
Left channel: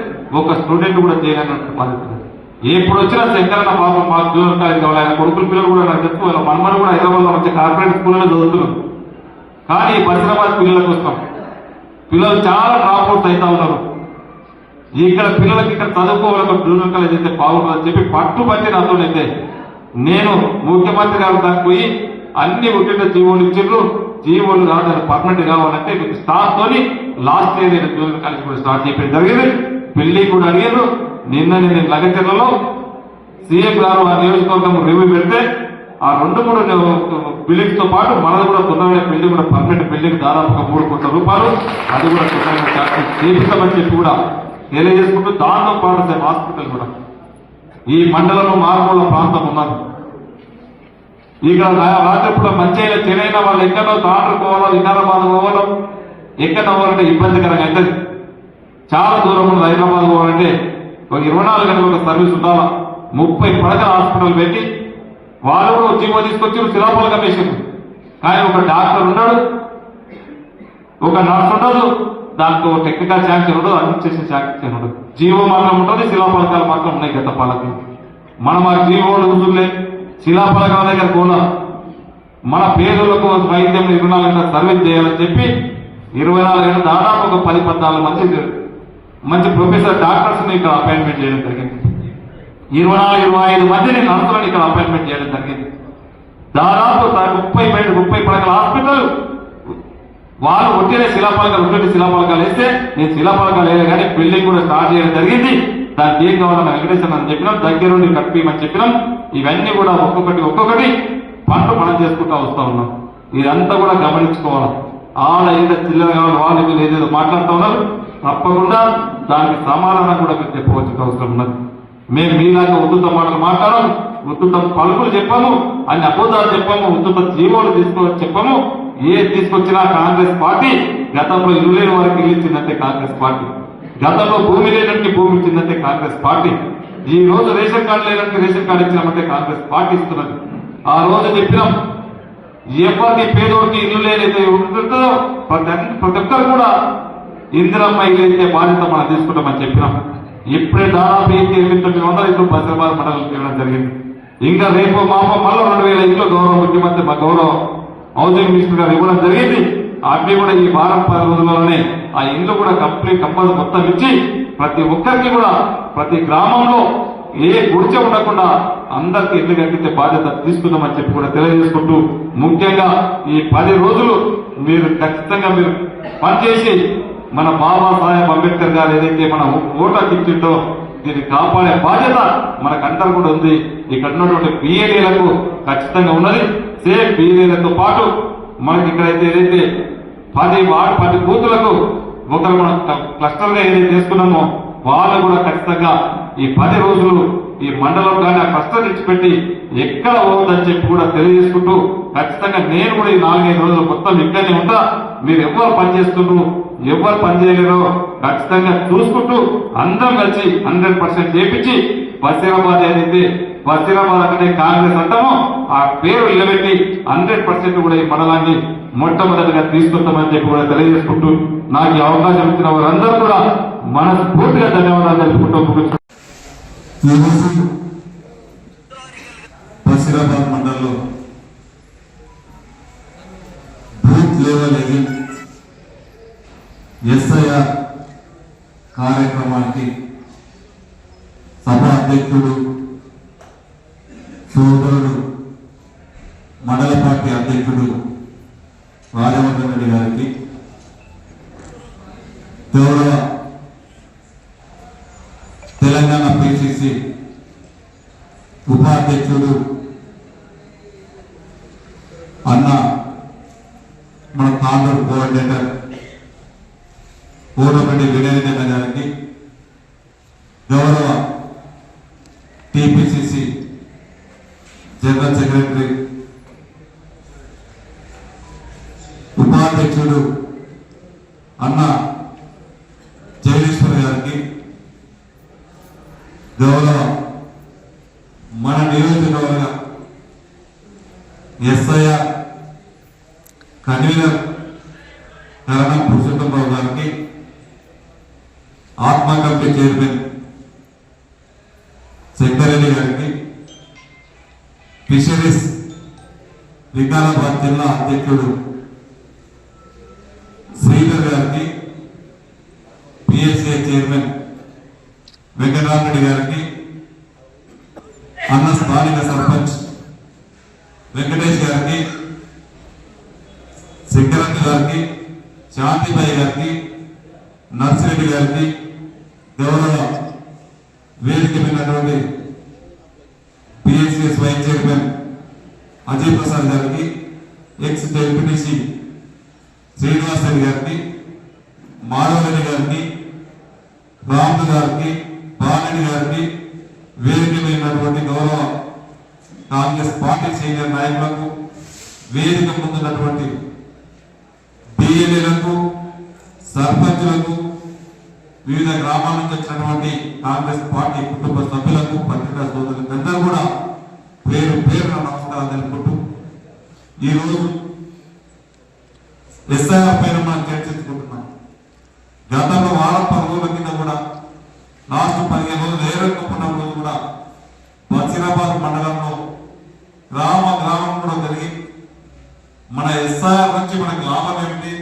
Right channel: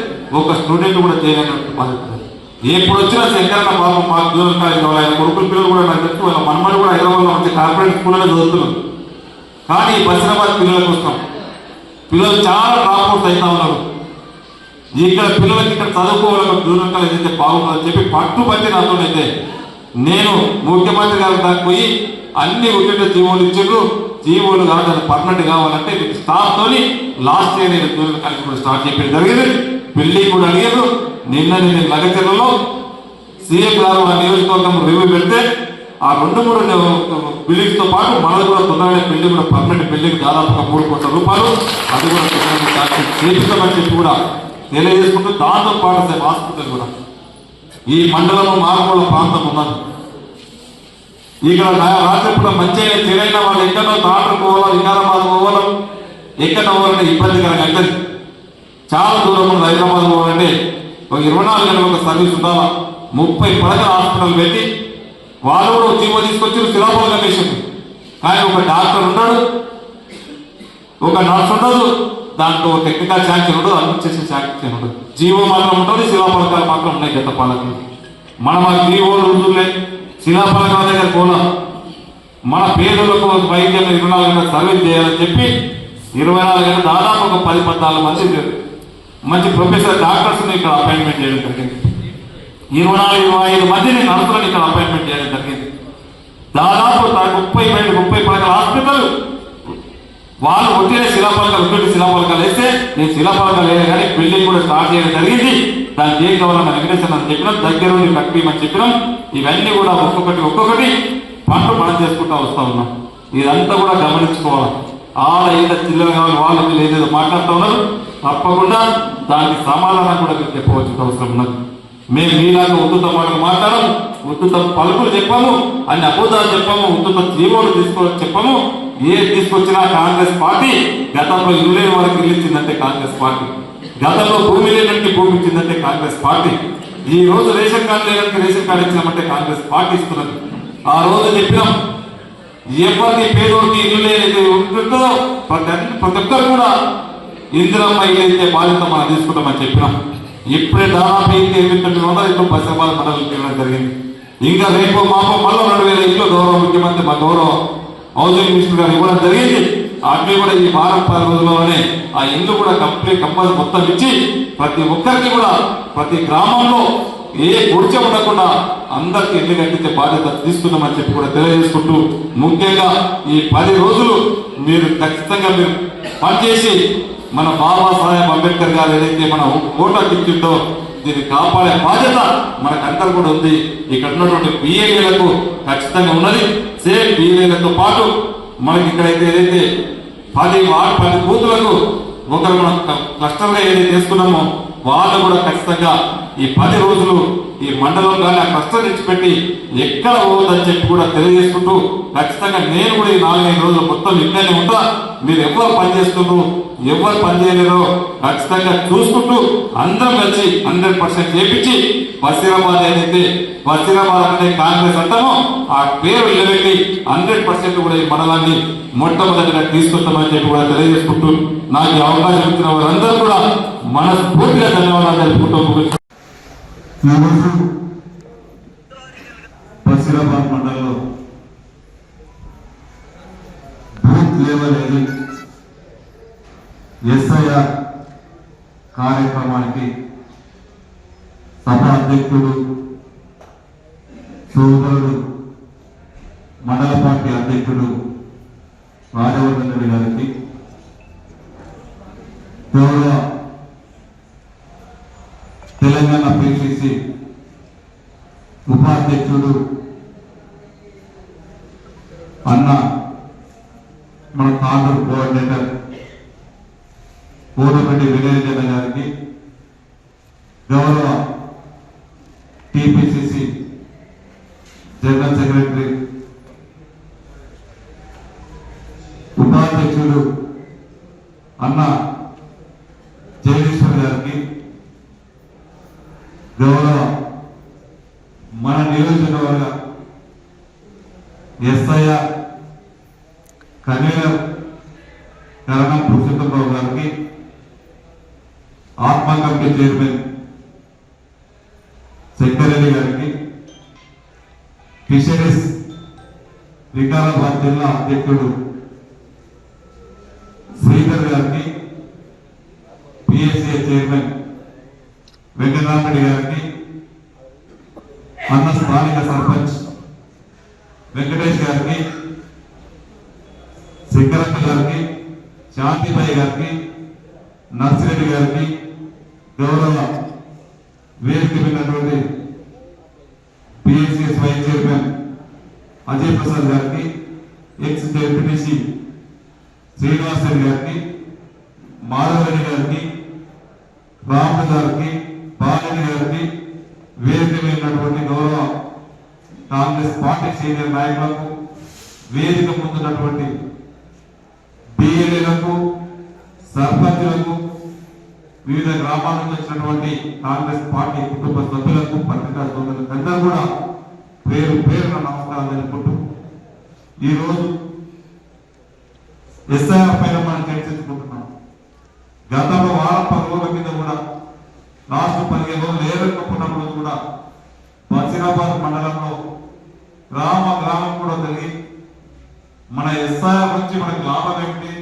ఒక స్టూడెంట్ కూడా చేయలేనటువంటి బాధ్యత లేదు. ఎప్పుడు వచ్చినా శంకరన్న బాబు మాకు దూరం కాలేదు. ఆయన కొడుకుల పిల్లలు కూడా నాకు తెలుసు, వాళ్ళ మమ్మల్ని కూడా హైదరాబాద్ మంచి కార్పొరేట్ స్కూల్లో చదువుతున్నారు. కానీ బసిరాబాద్ పిల్లల కోసం పిల్లలు చాలా డ్రాప్అవుట్ అవుతా ఉన్నారు. ఇక్కడ పిల్లలకి ఇక్కడ చదువుకోవడం దూరం కాలేదు అయితే బాగుంటుందని చెప్పి పట్టుబట్టి రాజునైతే నేను ముఖ్యమంత్రి గారు దానికి పోయి అన్ని ఉద్యోగ జీవోలు ఇచ్చిండ్రు. జీవోలు కాదు పర్మనెంట్ కావాలంటే స్టాఫ్ తోని లాస్ట్ ఇయర్ నేను దూరం కాలేజ్ కూడా స్టార్ట్ చేయడం జరిగింది. బిల్డింగ్ కూడా అడిగారు. నిన్న నేను లగచర్లలో సీఎం గారు ఆ నియోజకవర్గం రివ్యూ పెడితే ఆ 2-3 బిల్డింగ్స్ తో పాటు మనకు కూడా తొందరగా బిల్డింగ్ కూడా పర్మనెంట్ బిల్డింగ్ దాదాపుగా 3 కోట్ల రూపాయలు అది కూడా చేపిస్తామని చెప్పి కూడా తెలియజేసుకుంటూ దాంతో పాటు హాస్పిటల్ కూడా ఈ మండలంలో మారుమూల ప్రాంతం ఉన్నారు. ఇక్కడ రాత్రిపూట మంచిగా తిరైన వాళ్ళు ఎక్కడో తాడు పోవడం వికారాబాద్ పోవడం ఎక్కడ అవ్వాలంటే ఇబ్బందికరంగా అయితే చాలా దూరంలో హైదరాబాద్ పోవాలంటే ఒక 24 గంటల సర్వీస్ ఉండాలా. 30 పడకల హాస్పిటల్ పెట్టి వాళ్ళు జీవో తీసుకొచ్చి శిలాపల కమిషన్. కానీ ఒక డాక్టర్ ఉన్నాడు, ఒక నర్స్ ఉండదు, దాంట్లో టెక్నికల్ శాంక్షన్ ఉండదు, అడ్మినిస్ట్రేషన్ శాంక్షన్ ఉండదు. జీవో మాత్రం ఉంటుంది, శిలాపలకాలు మాత్రం ఉన్నాయి. గత పాలకులు మనం ఆ జీవోలు ఉంచులే శిలాపలకాల దగ్గర పోలా. మన పేదలకు వైద్యం 24 గంటల సర్వీస్ చేయాలని చెప్పి 24 గంటల దాదాపు ఒక 10-14 మంది మంచి ప్రొఫెసర్ డాక్టర్స్ ఇక్కడ అపాయింట్మెంట్ చేయడం జరిగింది. 24-25 మందిని నర్సులను ఇక్కడ అపాయింట్మెంట్ చేయడం జరిగింది. దాదాపు 30 పడకల హాస్పిటల్ వాళ్ళు ఒట్టిన శిలాపలకాలు వేస్తే నేను శిలాపలకాలు వేయలే కానీ బిల్డింగ్ కూడా స్టార్ట్ చేయడం జరిగింది. దాన్ని ఏం కావాలని వెంకటేశ్వర అని చెప్పినాం, దగ్గర నుండి కట్టిమని చెప్పినాం. ఇవన్నీ కూడా ఒక్కొక్కటి పనులు చేసుకుంటా వస్తా ఉన్నాం. ఇదంతా కూడా గమనించుకోవాలి. ఆడ ఏదో చిల్లర వాళ్ళు ఏదేదో మాట్లాడుతూ ఉన్నారు, తప్పకుండా దానికి సమాధానం కూడా మీరు చెప్పవలసిన అవసరం ఉన్నది. మేము మీలాగా ఉద్దుత మాటలు మాట్లాడము, ఉద్దుత పలుకులు చెప్పాము, అన్ని అబద్ధాలు చెప్పాము, ఉద్దుత జీవోలు చెప్పాము. ఏది తీసుకొచ్చినా కాంగ్రెస్ పార్టీ గతంలో ఇల్లు లేని వరకు ఇల్లు ఇచ్చిందంటే కాంగ్రెస్ పార్టీ, గతంలో భూమి లేనంటే భూమి ఇచ్చిందంటే కాంగ్రెస్ పార్టీ, ఈ రోజు రేషన్ కార్డు లేనంటే రేషన్ కార్డు ఇచ్చినామంటే కాంగ్రెస్ పార్టీ ఇస్తున్నది. ఆ రోజు చెప్పినాం, ఎవరికి పేదోడికి ఇల్లు లేనైతే ఉంటుందో ప్రతి ఒక్కరు కూడా ఇందిరమ్మ ఇల్లు అయితే బాధ్యత మనం తీసుకుంటామని చెప్పినాం. ఇప్పుడే దాదాపు 800 ఇల్లు బసిరాబాద్ మండలం చేయడం జరిగింది. ఇంకా రేపు మాపం మళ్ళీ 2000 ఇల్లు గౌరవ ముఖ్యమంత్రి మా గౌరవ హౌసింగ్ మినిస్టర్ గారు ఇవ్వడం జరిగింది. అవి కూడా ఈ వారం 10 రోజుల్లోనే ఆ ఇల్లు కూడా కంపల్సరీ మొత్తం ఇచ్చి ప్రతి ఒక్కరికి కూడా ప్రతి గ్రామంలో ఏ గుడిచ ఉండకుండా అందరికి ఇల్లు కట్టించే బాధ్యత తీసుకున్నామని చెప్పి కూడా తెలియజేసుకుంటూ, ముఖ్యంగా ఈ 10 రోజులు మీరు ఖచ్చితంగా మీరు పనిచేసి మన బాబాసాహెబ్ అంబేద్కర్ గారు ఏదైతే మన ఓటర్ ఇచ్చిందో దీన్ని కాపాడే బాధ్యత మనకందరూ కూడా ఉంది. ఇక్కడ ఉన్నటువంటి బిఏలకు ఖచ్చితంగా ఉన్నది. సేమ్ బిఏలతో పాటు మనకి ఇక్కడైతే ఏదైతే 10 బూతులకు ఒకరు మనం క్లస్టర్గా ఏదైతే చేసుకున్నామో వాళ్ళు కూడా ఖచ్చితంగా ఈ 10 రోజులు ఈ మండలంలో కానీ ఆ క్లస్టర్ ఇచ్చిపెట్టి ఎక్కడ పోవద్దని చెప్పి కూడా తెలియజేసుకుంటూ, ఖచ్చితంగా నేను కూడా ఈ 4-5 రోజులు మొత్తం ఇక్కడనే ఉంటా. మీరు ఎవరు పనిచేస్తున్నారు, ఎవరు పనిచేయలేరో ఖచ్చితంగా చూసుకుంటూ అందరం కలిసి 100% చేపించి బసిరాబాద్ ఏదైతే బసిరాబాద్ అంటే కాంగ్రెస్ అంటామో ఆ పేరు నిలబెట్టి 100% కూడా ఈ మండలాన్ని మొట్టమొదటిగా తీసుకొస్తామని చెప్పి కూడా తెలియజేసుకుంటూ, నాకు ఈ అవకాశం ఇచ్చిన వారందరూ కూడా మనస్ఫూర్తిగా ధన్యవాదాలు తెలుపుకుంటూ బసిరాబాద్ మండలంలో బూత్ లెవెల్ ఎస్ఐఆర్ కార్యక్రమానికి సభ అధ్యక్షుడు సోదరుడు మండల పార్టీ అధ్యక్షుడు రాజవర్ధన్ రెడ్డి గారికి, గౌరవ తెలంగాణ పిసిసి ఉపాధ్యక్షుడు అన్న మన తాండూరు కోఆర్డినేటర్ కోమటిరెడ్డి వినయరెడ్డి గారికి, గౌరవ టిపిసిసి జనరల్ సెక్రటరీ ఉపాధ్యక్షుడు అన్న జగదీశ్వర్ గారికి, గౌరవ మన నియోజకవర్గ ఎస్ఐఆర్ కన్వీనర్ కరణం పురుషోత్తమరావు గారికి, ఆత్మ కమిటీ చైర్మన్ ఫిషరీస్ వికారాబాద్ జిల్లా అధ్యక్షుడు శ్రీధర్ గారికి, పిఎస్ఏ చైర్మన్ వెంకటరామరెడ్డి గారికి, అన్న స్థానిక సర్పంచ్ వెంకటేష్ గారికి, శంకరక్క గారికి, శాంతిబాయి గారికి, నర్సిరెడ్డి గారికి, గౌరవ వేదిక మీద PSS vice chairman Ajay Prasad గారికి, ఎక్స్ జెడ్పీటీసీ శ్రీనివాస్ రెడ్డి గారికి, మాధవరెడ్డి గారికి, రాము గారికి, బాలరెడ్డి గారికి, వేదిక మీద గౌరవ కాంగ్రెస్ పార్టీ సీనియర్ నాయకులకు, వేదిక ముందున్నటువంటి బిఎల్ఏలకు, సర్పంచులకు, వివిధ గ్రామాల నుంచి వచ్చినటువంటి కాంగ్రెస్ పార్టీ కుటుంబ సభ్యులకు, పత్రికా సోదరులకు అందరూ కూడా పేరు పేరున నమస్కారం తెలుపుకుంటూ ఈరోజు ఎస్ఐఆర్ పైన మనం చర్చించుకుంటున్నాం. గతంలో వారం 10 రోజుల కింద కూడా లాస్ట్ 15 రోజులు ఏరెక్కున్న రోజు కూడా బసిరాబాద్ మండలంలో గ్రామం కూడా జరిగి మన ఎస్ఐఆర్ నుంచి మనకి లాభం ఏమిటి,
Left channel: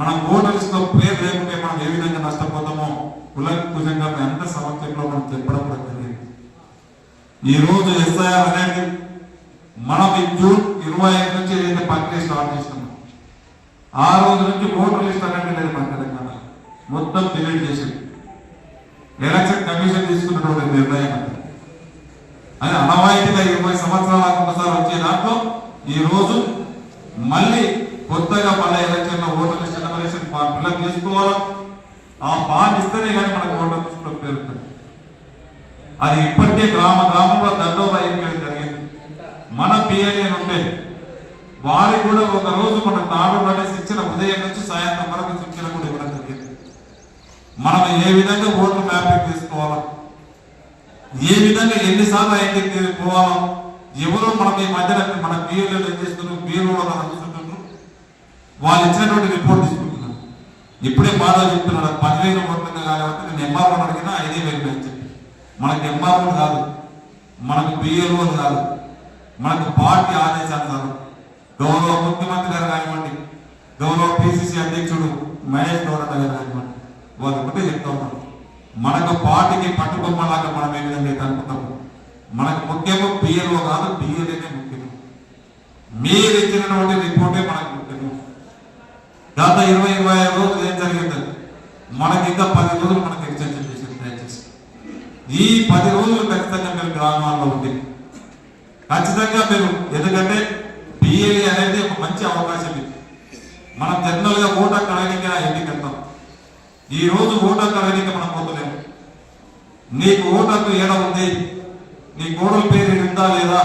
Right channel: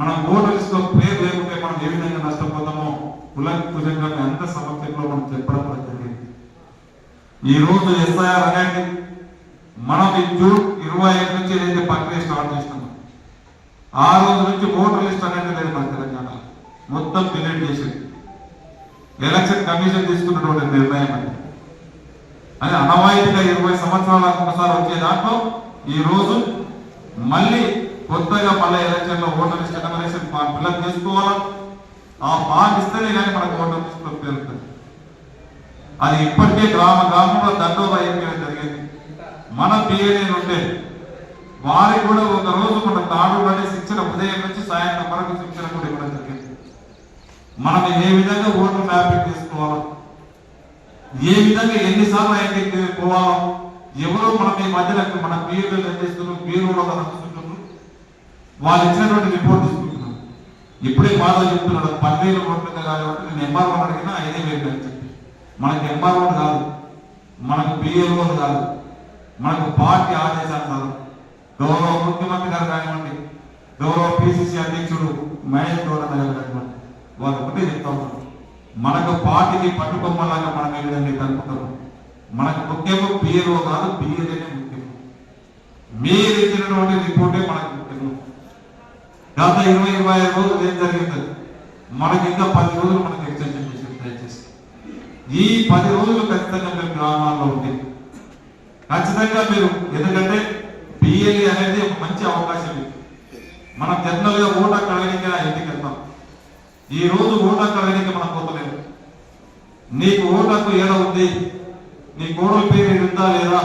మన ఓటర్స్ లో పేరు లేకుంటే మనం ఏ విధంగా నష్టపోతామో కులంగా ఎంత సమక్షంలో మనం చెప్పడం జరిగింది. ఈ రోజు ఎస్ఐఆర్ అనేది మనం జూన్ 25 నుంచి ఏదైతే ప్రక్రియ స్టార్ట్ చేస్తున్నాం, ఆ రోజు నుంచి ఓటర్ లిస్ట్ అనేది లేదు మన తెలంగాణ మొత్తం డిలీట్ చేసి ఎలక్షన్ కమిషన్ తీసుకున్న నిర్ణయం అది అనవాయితీగా 20 సంవత్సరాలకు ఒకసారి వచ్చే దాంట్లో ఈ రోజు మళ్ళీ కొత్తగా మళ్ళీ ఎలక్షన్ లో ఓటర్ లిస్ట్ ఎలక్షన్ ఫిల్అప్ చేసుకోవాలి. ఆ ఫామ్ ఇస్తేనే కానీ మనకు ఓటర్ లిస్ట్ లో పేరుతుంది. అది ఇప్పటికే గ్రామంలో దండోగా అయిపోయింది జరిగింది. మన పిఎల్ఏ ఉంటే వారి కూడా ఒక రోజు మన తాడు శిక్షణ ఉదయం నుంచి సాయంత్రం వరకు శిక్షణ కూడా ఇవ్వడం జరిగింది. మనం ఏ విధంగా ఓటర్ మ్యాపింగ్ తీసుకోవాలో, ఏ విధంగా ఎన్నిసార్లు అయితే పోవాలో, ఎవరు మనం ఈ మధ్యలో మన పిఎల్ఏ చేస్తున్నారు, బీరో వాళ్ళు ఇచ్చినటువంటి రిపోర్ట్ తీసుకుంటున్నారు. ఇప్పుడే బాధ చెప్తున్నారు 10,000 ఓట్లుంది కాబట్టి నేను ఎంఆర్ఓ అడిగినా 5,000 అని చెప్పి. మనకు ఎంఆర్ఓ కాదు, మనకు బిఎల్ఓ కాదు, మనకు పార్టీ ఆదేశాలు కాదు. గౌరవ ముఖ్యమంత్రి గారు కానివ్వండి, గౌరవ పిసిసి అధ్యక్షుడు మహేష్ గౌడ గారు కానివ్వండి, వాళ్ళు ఒకటే చెప్తా ఉన్నారు, మనకు పార్టీకి పట్టుకొమ్మలాగా మనం ఏ విధంగా కలుపుతాము. మనకు ముఖ్యంగా బిఎల్ఓ కాదు, బిఎల్ఏనే ముఖ్యం. మీరు ఇచ్చినటువంటి రిపోర్టే మనకు ముఖ్యము. గత 20-25 రోజులు ఏం జరిగింది, మనకి ఇంకా 10 రోజులు మనకు ఎక్స్టెన్షన్ చేసింది. దయచేసి ఈ 10 రోజులు ఖచ్చితంగా మీరు గ్రామాల్లో ఉండి ఖచ్చితంగా మీరు, ఎందుకంటే బిఎల్ఏ అనేది ఒక మంచి అవకాశం. ఇది మనం జనరల్గా ఓటర్ కడగలిక ఎన్నికెళ్తాం. ఈ రోజు ఓటర్ కడగలిక మనం పోతలేము. నీకు ఓటర్కు ఏడా ఉంది, నీ కోడల పేరు ఉందా లేదా,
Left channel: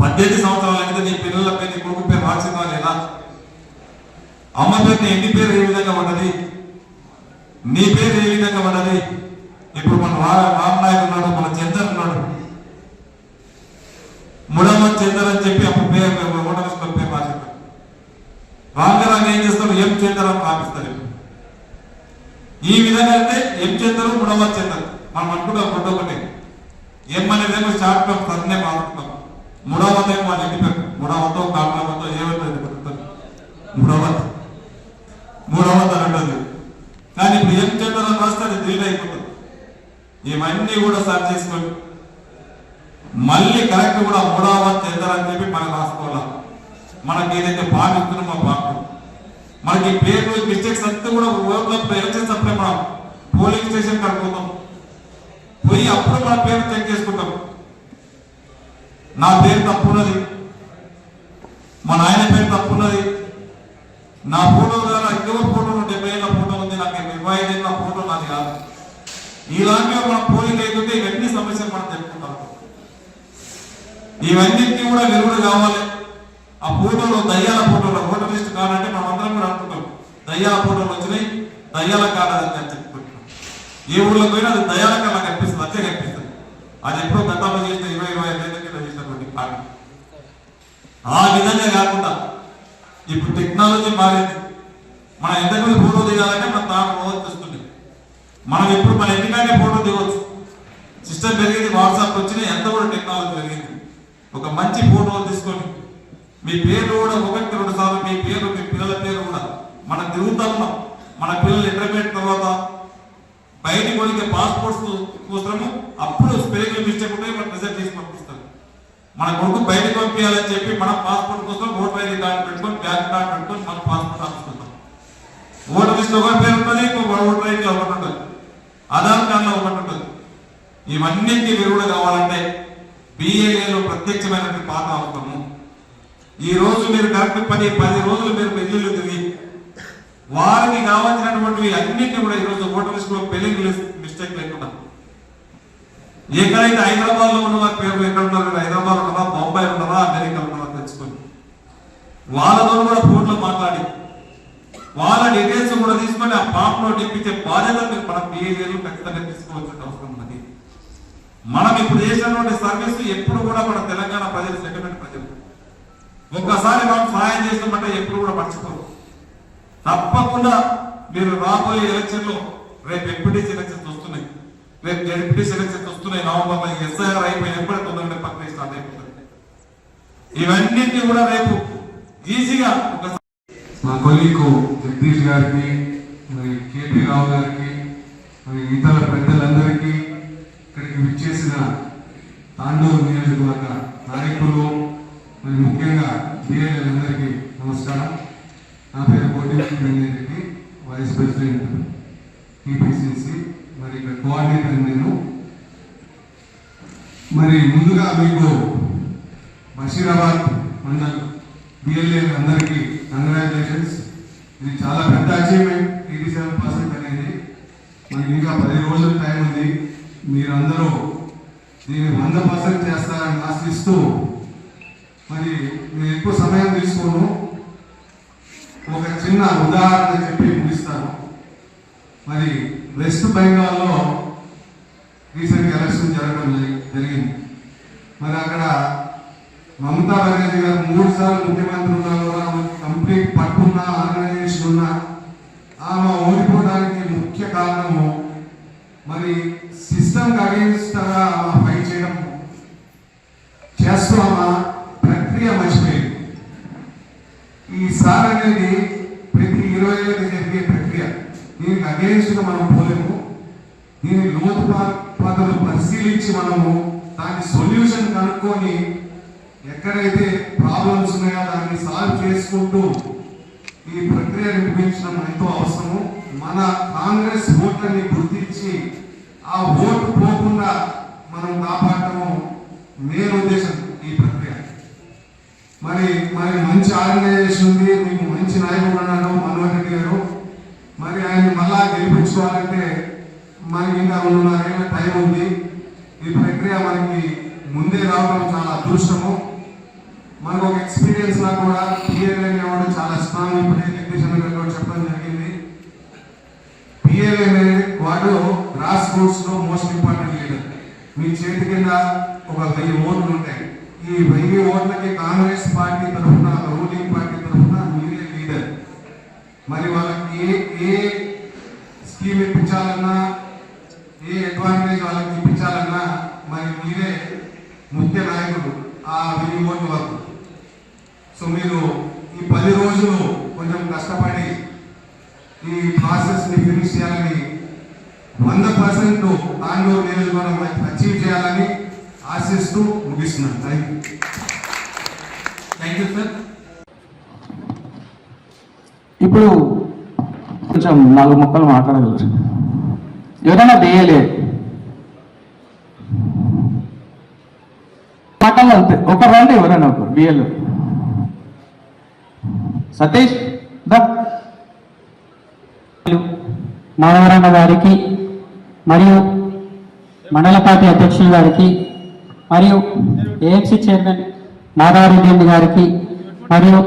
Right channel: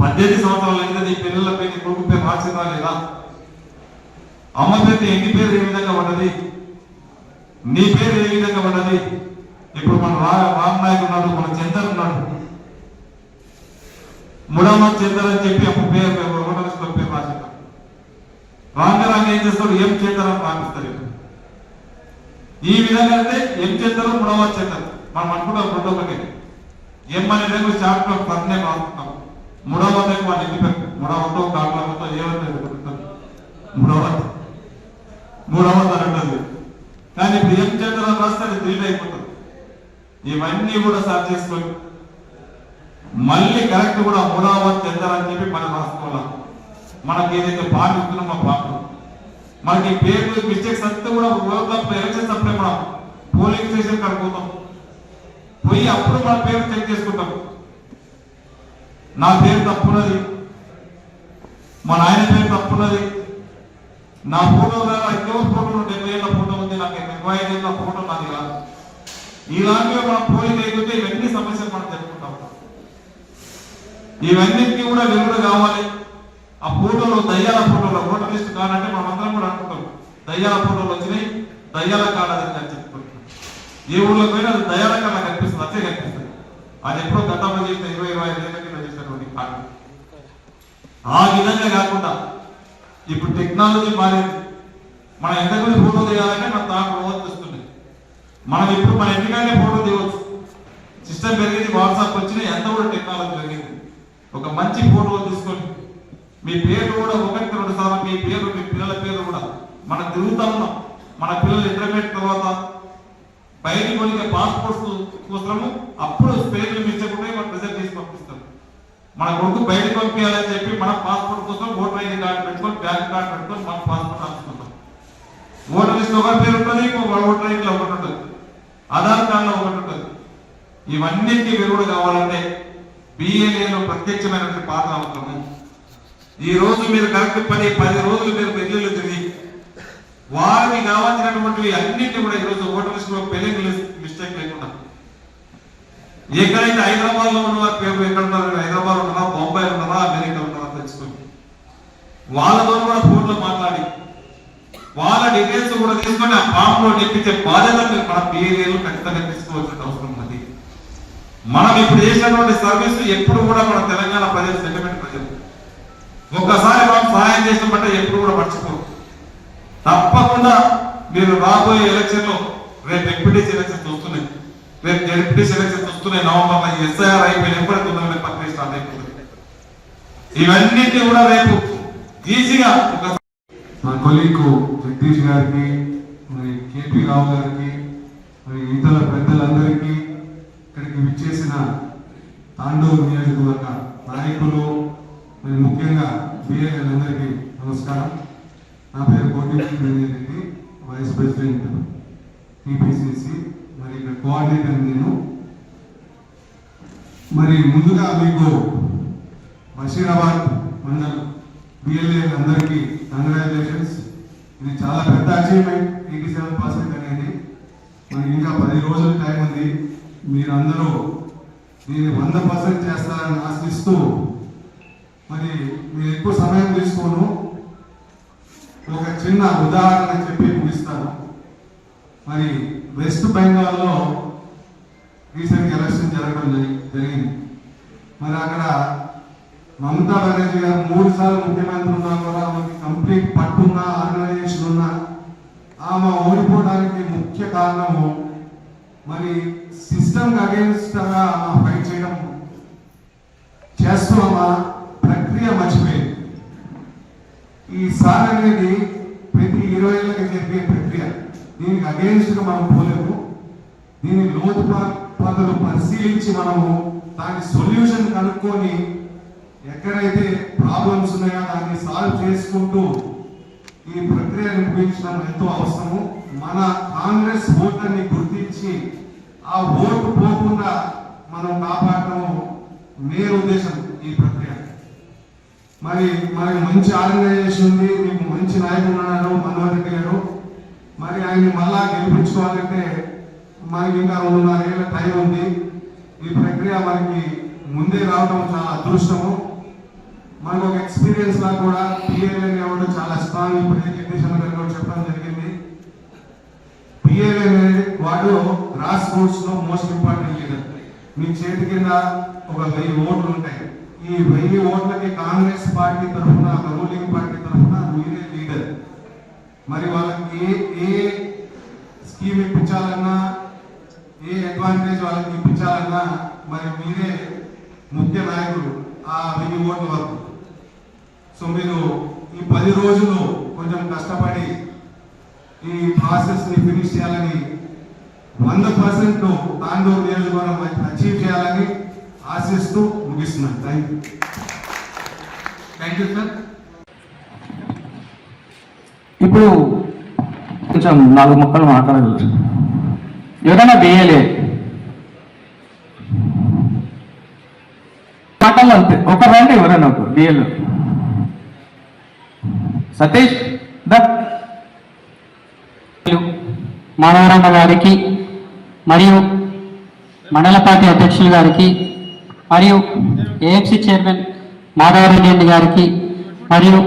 18 సంవత్సరాలు అయితే నీ పిల్లల పేరు, నీ కొడుకు పేరు రాసిందా లేదా, అమ్మ పేరు నీ ఇంటి పేరు ఏ విధంగా ఉన్నది, నీ పేరు ఏ విధంగా ఉన్నది. ఇప్పుడు మన రామ్ నాయక్ ఉన్నాడు, మన చందర్ ఉన్నాడు, ముడమత్ చందర్ అని చెప్పి అప్పుడు పేరు ఓటర్స్లో పేరు రాసిస్తాడు. రాంగరాంగ ఏం చేస్తాడు, ఎం చందర్ అని రాపిస్తారు. ఈ విధంగా అంటే ఎం చందర్, ముడమత్ చందర్ మనం అనుకుంటాం. రెండు ఒకటి ఎం అనేది షార్ట్ ఫామ్ సన్నే మారుతున్నాం. ముడమత్ ఏమో వాళ్ళ ఇంటి పేరు, ముడమతో కాళ్ళతో ఏమంటారు మూడవది అని అంటుంది. కానీ ఇప్పుడు ఎం చందర్ అని రాస్తే అది డిలీట్ అయిపోతుంది. ఇవన్నీ కూడా సర్చ్ చేసుకొని మళ్ళీ కరెక్ట్ కూడా మూడవ చెందాలని చెప్పి మనం రాసుకోవాలి. మనకి ఏదైతే పార్టీ ఇస్తున్నామో పార్టీ మనకి పేరు మిస్టేక్స్ అంతా కూడా ఎలక్షన్ అప్పుడే మనం పోలింగ్ స్టేషన్ కడుపుతాం, పోయి అప్పుడు మన పేరు చెక్ చేసుకుంటాం. నా పేరు తప్పున్నది, మా నాయన పేరు తప్పున్నది, నా ఫోటో ఇంకో ఫోటో 70 ఏళ్ళ ఫోటో ఉంది, నాకు 25 ఏళ్ళ ఫోటో నాది కాదు. ఇలాంటివి మనం పోలింగ్ లేకుంటే ఇవన్నీ సమస్యలు మనం చెప్పుకుంటాం. ఇవన్నిటికీ కూడా వెలుగుడు కావాలి. ఆ ఫోటోలో దయ్యాల ఫోటోలో ఓటర్ లిస్ట్ కాదంటే మనం అందరం కూడా అనుకుంటాం దయ్యాల ఫోటోలు వచ్చినాయి, దయ్యాల కాదని చెప్తాం. ఏ ఊళ్ళో పోయినా అది దయ్యాల కాలం కనిపిస్తుంది, అచ్చే కనిపిస్తుంది. అది ఎప్పుడో గతంలో చేసిన 20-25 ఏళ్ళ కింద చేసినటువంటి కారణం. ఆ విధంగా కాకుండా ఇప్పుడు టెక్నాలజీ మారింది. మనం ఎంతమంది ఫోటో దిగాలంటే మన తాను రోజు వస్తుంది. మనం ఇప్పుడు మన ఇంటికైనా ఫోటో దిగవచ్చు. సిస్టమ్ పెరిగింది, వాట్సాప్ వచ్చినాయి, ఎంత కూడా టెక్నాలజీ మీ పేర్లు కూడా ఒకటి 2 సార్లు మీ పేరు మీ పిల్లల పేరు కూడా మన తిరుగుతాము. మన పిల్లలు ఇంటర్మీడియట్ తర్వాత బయటికి వెళ్ళే పాస్పోర్ట్స్ కోసము అప్పుడు స్పెల్లింగ్ మిస్టేక్ ఉంటే మనం రిజల్ట్ చేసి పంపిస్తాం. మన కొడుకు బయటకు పంపించాలని చెప్పి మన పాస్పోర్ట్ కోసం ఓటర్ ఐడి కార్డు పెట్టుకొని బ్యాంక్ కార్డు పెట్టుకొని మన పాస్పోర్ట్ రాసుకుంటాం. ఓటర్ లిస్ట్ ఒక పేరు ఉంటుంది, ఇంకొక ఓటర్ ఐడి ఒకటి ఉంటుంది, ఆధార్ కార్డులో ఒకటి ఉంటుంది. ఇవన్నింటినీ విరుగుడు కావాలంటే బిఏఏలో ప్రత్యక్షమైనటువంటి పాత్ర అవసరము. ఈ రోజు మీరు కరెక్ట్ 10 రోజులు మీరు పెళ్లిళ్ళు తిరిగి వారికి కావాల్సినటువంటివి అన్నింటినీ కూడా ఈరోజు ఓటర్ లిస్ట్ లో స్పెల్లింగ్ మిస్టేక్ లేకుండా ఎక్కడైతే హైదరాబాద్ లో ఉన్న పేరు ఎక్కడ ఉన్నారు, హైదరాబాద్ ఉన్నారా, బొంబాయి ఉన్నారా, అమెరికా ఉన్నారా తెలుసుకోండి. వాళ్ళతో కూడా ఫోన్లో మాట్లాడి వాళ్ళ డీటెయిల్స్ కూడా తీసుకొని ఆ ఫామ్ లో నింపించే బాధ్యత మన బిఏఏలు ఖచ్చితంగా తీసుకోవాల్సిన అవసరం ఉంది. మనం ఇప్పుడు చేసినటువంటి సర్వీస్ ఎప్పుడు కూడా మన తెలంగాణ ప్రజలు సెంటిమెంట్ ప్రజలు ఒక్కసారి వాళ్ళు సహాయం చేసినట్టే ఎప్పుడు కూడా మర్చిపోరు. తప్పకుండా మీరు రాబోయే ఎలక్షన్ లో రేపు ఎంపీటీసీ ఎలక్షన్స్ వస్తున్నాయి, రేపు జెడ్పీటీసీ ఎలక్షన్స్ వస్తున్నాయి. నవంబర్ ఎస్ఐఆర్ అయిపోయినా కూడా తొందరగా పక్కన స్టార్ట్ అయిపోతుంది. ఇవన్నింటినీ కూడా రేపు ఈజీగా నా కొలీగ్ జగదీష్ గారికి, మరి కేపీ రావు గారికి, మరి ఇతర పెద్దలందరికీ, ఇక్కడికి విచ్చేసిన తాండూరు నియోజకవర్గ నాయకులు, మరి ముఖ్యంగా బీఏలందరికీ నమస్కారం. నా పేరు కోటి, వైస్ ప్రెసిడెంట్ టీపీసీసీ, మరి ఇక్కడ కోఆర్డినేటర్ నేను. మరి ముందుగా మీకు బషీరాబాద్ మండల్ బిఎల్ఏ అందరికీ కంగ్రాచులేషన్స్. ఇది చాలా పెద్ద అచీవ్మెంట్, 87% అనేది. మనకి ఇంకా 10 రోజులు టైం ఉంది. మీరందరూ దీన్ని 100% చేస్తారని ఆశిస్తూ, మరి నేను ఎక్కువ సమయం తీసుకోను, ఒక చిన్న ఉదాహరణ చెప్పి ముగిస్తాను. మరి వెస్ట్ బెంగాల్లో రీసెంట్ ఎలక్షన్ జరగడం జరిగింది. మరి అక్కడ మమతా బెనర్జీ గారు 3 సార్లు ముఖ్యమంత్రి ఉన్నా కూడా కంప్లీట్ పట్టున్న ఆర్గనైజేషన్ ఉన్న ఆమె ఓడిపోవడానికి ముఖ్య కారణము మరి సిస్టమ్ అగేన్స్ట్ గా ఆమె ఫైట్ చేయడం చేస్తూ ఆమె ప్రక్రియ మర్చిపోయింది. ఈసారి అనేది ప్రతి 20 ఏళ్ళకి జరిగే ప్రక్రియ. దీనికి అగేన్స్ట్ గా మనం పోలేము. దీని లోతుపాతలు పరిశీలించి మనము దాని సొల్యూషన్ కనుక్కొని ఎక్కడైతే ప్రాబ్లమ్స్ ఉన్నాయో దాన్ని సాల్వ్ చేసుకుంటూ ఈ ప్రక్రియను ముగించడం ఎంతో అవసరము. మన కాంగ్రెస్ ఓట్లని గుర్తించి ఆ ఓటు పోకుండా మనం కాపాడటము మెయిన్ ఉద్దేశం ఈ ప్రక్రియ. మరి మంచి ఆర్గనైజేషన్ ఉంది, మీకు మంచి నాయకులు ఉన్నారు మనోహర్ రెడ్డి గారు. మరి ఆయన మళ్ళా గెలిపించుకోవాలంటే మనకి ఇంకా 2.5 ఏళ్ళ టైం ఉంది. ఈ ప్రక్రియ మనకి ముందే రావడం చాలా అదృష్టము. మనకు ఒక ఎక్స్పీరియన్స్ లా కూడా పిఎల్ఏ అనేవాడు చాలా స్ట్రాంగ్. ఇప్పుడు ఎడ్యుకేషన్ కూడా చెప్పడం జరిగింది. పిఎల్ఏ వాడు గ్రాస్ రూట్స్ లో మోస్ట్ ఇంపార్టెంట్ లీడర్. మీ చేతి కింద ఒక 1000 ఓట్లు ఉంటాయి. ఈ 1000 ఓట్లకి కాంగ్రెస్ పార్టీ తరఫున, రూలింగ్ పార్టీ తరఫున మీరే లీడర్. మరి వాళ్ళకి ఏ స్కీమ్ ఇప్పించాలన్నా, ఏ అడ్వాంటేజ్ వాళ్ళకి ఇప్పించాలన్నా మరి మీరే ముఖ్య నాయకుడు ఆ 1000 ఓట్ల వరకు. సో మీరు ఈ 10 రోజులు కొంచెం కష్టపడి ఈ ప్రాసెస్ ని ఫినిష్ చేయాలని, 100% తాండూరు నియోజకవర్గం అచీవ్ చేయాలని ఆశిస్తూ ముగిస్తున్నాను. Thank you sir. ఇప్పుడు కొంచెం 4 ముక్కలు మాట్లాడవచ్చు. ఏదైనా బిఏలే మాటలు అంతే, ఒక రండి ఎవరైనా బిఏలో. సతీష్ మాధవరమ్మ గారికి, మరియు మండల పార్టీ అధ్యక్షులు గారికి, మరియు ఏఎంసీ చైర్మన్ మాధవరెడ్డి గారికి, మరియు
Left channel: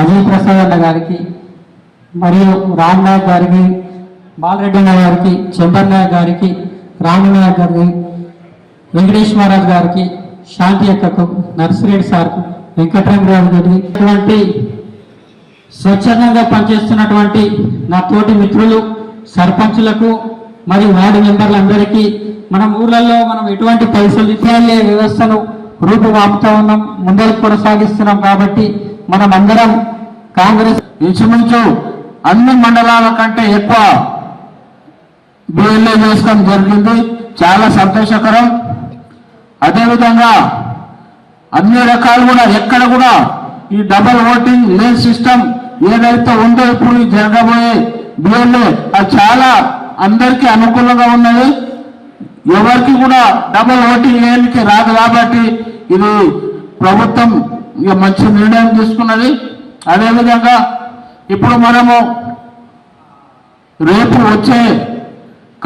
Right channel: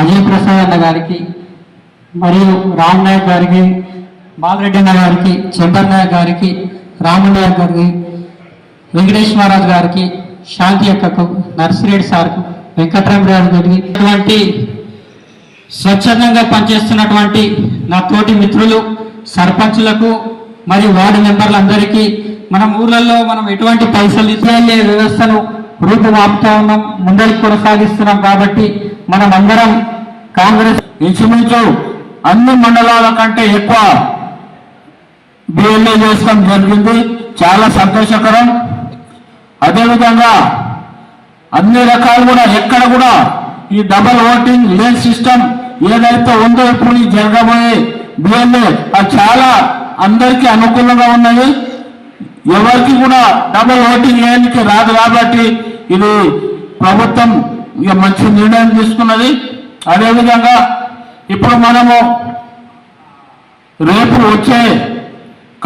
అజయ్ ప్రసాద్ అన్న గారికి, మరియు రామ్ నాయక్ గారికి, బాలరెడ్డి అన్న గారికి, చెంబర్ నాయక్ గారికి, రాము నాయక్ గారికి, వెంకటేశ్వరరాజు గారికి, శాంతి అక్కకు, నర్సిరెడ్డి సార్కు, వెంకటరామరావు గారికి, ఇటువంటి స్వచ్ఛందంగా పనిచేస్తున్నటువంటి నా తోటి మిత్రులు, సర్పంచులకు మరియు వార్డు మెంబర్లందరికీ, మనం ఊర్లలో మనం ఎటువంటి పైసలు ఇచ్చే వ్యవస్థను రూపుమాపుతా ఉన్నాం, ముందరికి కొనసాగిస్తున్నాం. కాబట్టి మనమందరం కాంగ్రెస్ ఇంచుమించు అన్ని మండలాల కంటే ఎక్కువ బిఎల్ఏ చేసుకోవడం జరిగింది. చాలా సంతోషకరం. అదేవిధంగా అన్ని రకాలు కూడా ఎక్కడ కూడా ఈ డబల్ ఓటింగ్ లేన్ సిస్టమ్ ఏదైతే ఉందో ఇప్పుడు జరగబోయే బిఎల్ఏ అది చాలా అందరికీ అనుకూలంగా ఉన్నది. ఎవరికి కూడా డబల్ ఓటింగ్ లేనికి రాదు కాబట్టి ఇది ప్రభుత్వం ఇక మంచి నిర్ణయం తీసుకున్నది. అదేవిధంగా ఇప్పుడు మనము రేపు వచ్చే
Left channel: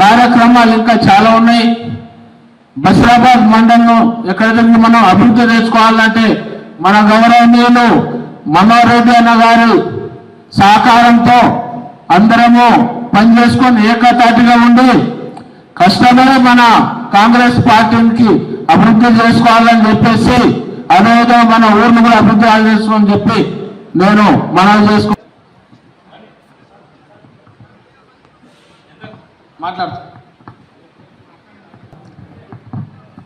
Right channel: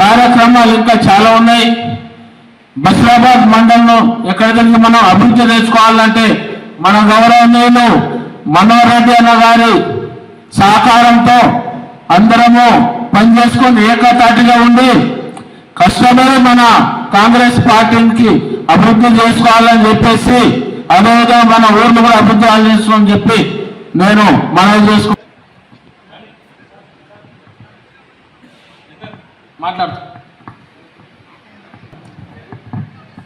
కార్యక్రమాలు ఇంకా చాలా ఉన్నాయి. బషీరాబాద్ మండలంలో ఎక్కడికి మనం అభివృద్ధి చేసుకోవాలంటే మన గౌరవనీయులు మనోహర్ రెడ్డి అన్న గారి సహకారంతో అందరము పనిచేసుకొని ఏకతాటిగా ఉండి కష్టపడి మన కాంగ్రెస్ పార్టీకి అభివృద్ధి చేసుకోవాలని చెప్పేసి అదేవిధంగా మన ఊర్లు కూడా అభివృద్ధి చేసుకోని చెప్పి నేను మనవి చేసుకు మాట్లాడుతాను.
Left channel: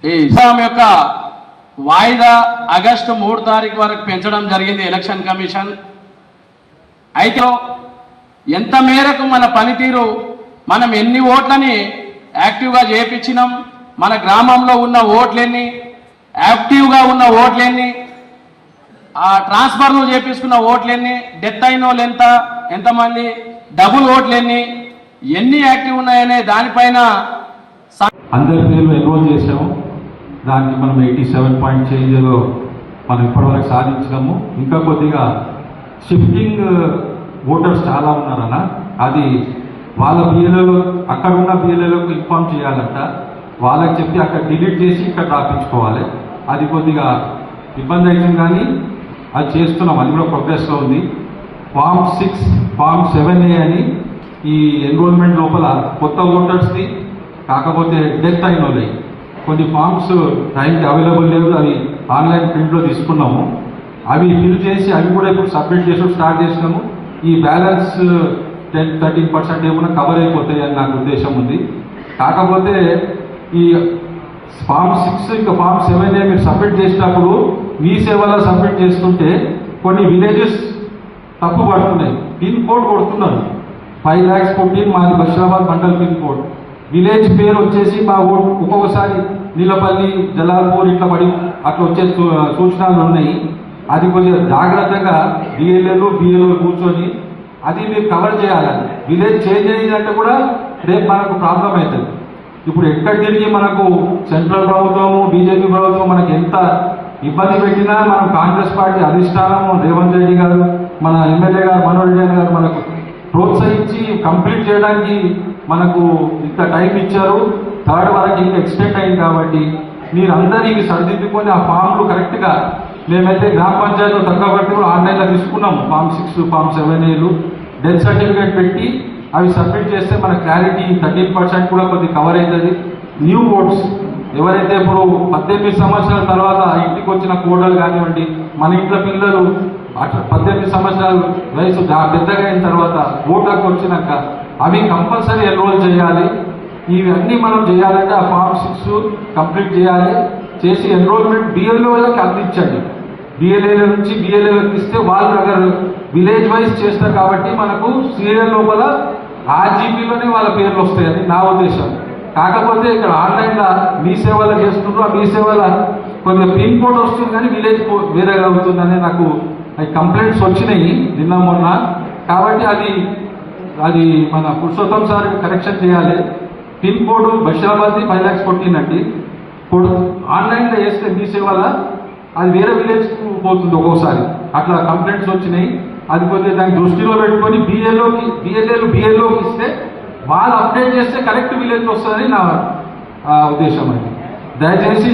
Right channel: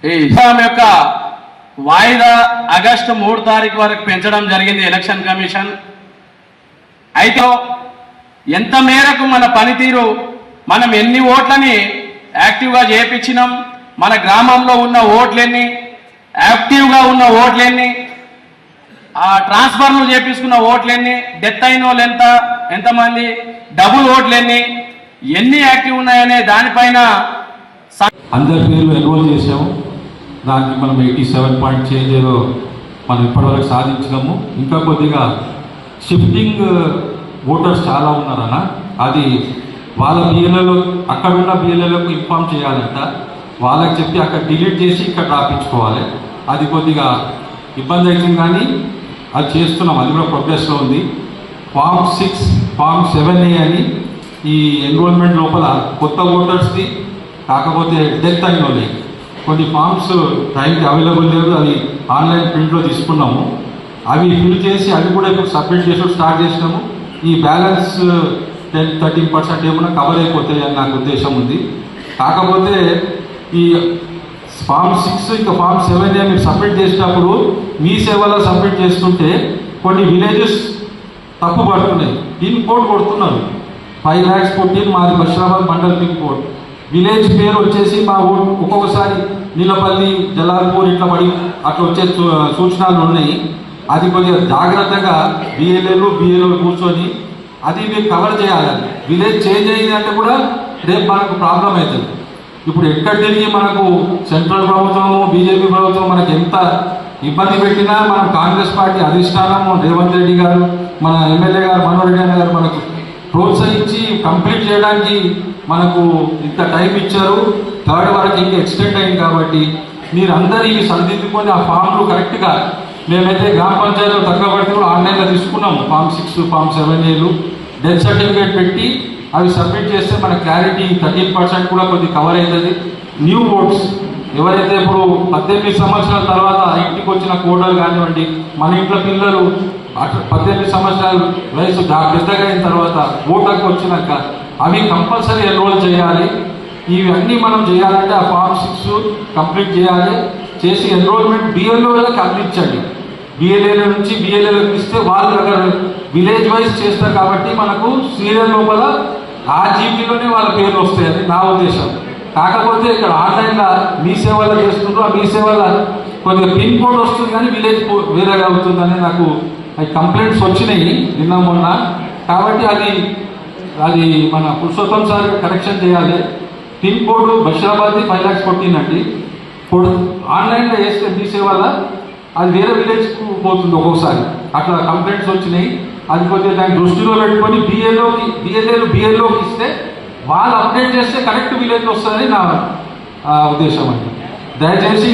ఈ ఇస్లాం యొక్క వాయిదా ఆగస్టు 3 తారీఖు వరకు పెంచడం జరిగింది ఎలక్షన్ కమిషన్. అయితే ఎంత మేరకు మన పనితీరు, మనం ఎన్ని ఓట్లని యాక్టివ్గా చేయించినాం, మన గ్రామంలో ఉన్న ఓట్లెన్ని, యాక్టివ్గా ఉన్న ఓట్లెన్ని, ఆ ట్రాన్స్ఫర్లు చేపించుకున్న ఓట్లెన్ని, డెత్ అయిన వాళ్ళు ఎంతమంది, డబుల్ ఓట్లెన్ని, ఎన్ని యాక్టివ్ ఉన్నాయనే దానిపైన అందరి పేర్లు ఎన్రోల్ చేసాము. దానికి మనం 87 పాయింట్ చేంజ్ మనం ఇప్పటివరకు సాధించినాము. ఇంకా కొద్దిగా షిఫ్టింగ్ ఓటర్స్ చాలా ఉన్నారన్న, అది వాళ్ళ బిఎల్ఏలో అక్కడ ఉన్న బిఎల్ఏలకు ఇన్ఫామ్ చేయాలంట. వాళ్ళకి చెప్పి అక్కడ డిలీట్ చేసి ఇక్కడ రాపించుకోవాలి. అది కొద్దిగా ఇబ్బంది అవుతుంది కానీ అది చేస్తున్నాం, అది కూడా ప్రోగ్రెస్లో ఉంది. ఫామ్ 6, ఫామ్ 7A అని ఈ ఎన్రోల్మెంట్ లోపల కొత్త ఓటర్స్ది కాకపోతే డెత్ అయిన వాళ్ళవి కొన్ని ఫామ్స్ టైంకి అవైలబుల్ లేదు, అది ఆన్లైన్ ప్రింట్లో తీసుకున్నాము. అవి ఫిల్ చేసి అవి కూడా ఇప్పుడు సబ్మిట్ చేసి స్టార్ట్ చేసినాము. ఈ బ్యాలెన్స్ 10-13% ఏమైనా కవర్ అయిపోతాయి అని నాకు ఉద్దేశం ఉంది. కాకపోతే ఈ ఫామ్ 6 ఇంకా ఫామ్ 7A మీరు సబ్మిట్ చేసినప్పుడు మీ సేవలో సబ్మిట్ చేస్తుంటే కొన్ని విలేజెస్ తప్పు పడుతున్నాయి. పిన్ కోడ్ కొడుతున్నారు. 5 lakhs కొట్టి మాది Basheerabad mandal pin code, village పేరు వచ్చేసి మా ఒక్కొక్కసారి నీలపల్లి, జలాల్పూర్ ఇట్లా పడి అట్లా వచ్చే సూచనలు ఉన్నాయి. అది కొద్దిగా జాగ్రత్తగా బిఎల్ఏలు కూర్చొని అది మీరు కవర్ చేయాలి. విలేజ్ చేంజ్ అయ్యిందంటే కూడా రేపు మనకు ప్రాబ్లం అవుతుంది. ఇప్పుడు ఎక్కడ తిరిగి మనకు సెంట్రల్ ప్రభుత్వం, బీజేపీ ప్రభుత్వం మనకు ఎంత ఇబ్బంది పెట్టినా మన కాంగ్రెస్ పార్టీ అధిష్టానం రేవంత్ రెడ్డి గారు, మన ఎమ్మెల్యే గారు మనోహర్ రెడ్డి గారు మనకు ప్రోత్సహించి కంప్లీట్ చేయడానికి మనకు ఇంత టైం ఇచ్చారు. 3rd వరకు ఇంకా ఎక్స్టెండ్ అయింది కాబట్టి మీరు అందరూ ఇవి సరిదిద్దుకొని ఆ ఫామ్లు కరెక్ట్గా మేమైతే గ్రామ పంచాయతీలో తక్కువ పడితే ఆన్లైన్లో తీసుకున్నాము. ఫామ్ 6, ఫామ్ 7Aలు డెత్ సర్టిఫికేట్ పెట్టి అవి సబ్మిట్ చేస్తే మన క్లారిటీ 13% కూడా కొద్దిగా కవర్ అవుతుంది. న్యూ ఓట్స్ ఎవరైతే ఇప్పుడు 18 సంవత్సరాల తర్వాత ఇంటికి వచ్చిన కోడలు కానివ్వండి, మన ఇంట్లో పిల్లలు 18 సంవత్సరాల వయసు పెద్దగా అయిన తర్వాత ఓటకు వచ్చినాక అవి కంపల్సరీ ఎన్రోల్ చేయాలి. ఇవన్నీ మనం చేయాలంటే ఆ ఫామ్ 6 కంప్లీట్ చేయాలి. చేసి ఎన్రోల్మెంట్ బిఎల్ఏలకు అందించండి. బిఎల్ఏల నుంచి బిఎల్ఏలకు ఇస్తే వాళ్ళు అక్కడ విలేజ్ వైజ్ చేస్తారు కాబట్టి మనకు సీరియల్ లోపల ఆ జీపీలోనే వాళ్ళ పేర్లు వస్తాయని నా ఉద్దేశం. కాకపోతే ఇక్కడ ఆన్లైన్లో మీ సేవలు చేస్తున్నారు, మీ సేవల కొద్దిగా పిన్ కోడ్ వస్తుంది కానీ విలేజ్ వేరేగా అవుతుందని నాకు కంప్లైంట్స్ వచ్చినాయి నిన్న మొన్న. కాబట్టి అది మన పురుషోత్తం సార్ కరెక్షన్ చేయాలి. పిన్ కోడ్ బషీరాబాద్ 5 lakhs కొట్టినట్టు ఇప్పుడు ఆన్లైన్లో చేస్తే మీ సేవల అది వేరే విలేజ్కు పోతుంది ఒక్కొక్కసారి. అట్లా కంప్లైంట్స్ వచ్చినాయి. అది కొద్దిగా దాన్ని దృష్టిలో పెట్టుకొని బిఎల్ఏలోకి ఇస్తే వాళ్ళు అప్డేట్ చేస్తే కరెక్ట్ విలేజ్ వస్తుందని నా ఉద్దేశం అండి. దయచేసి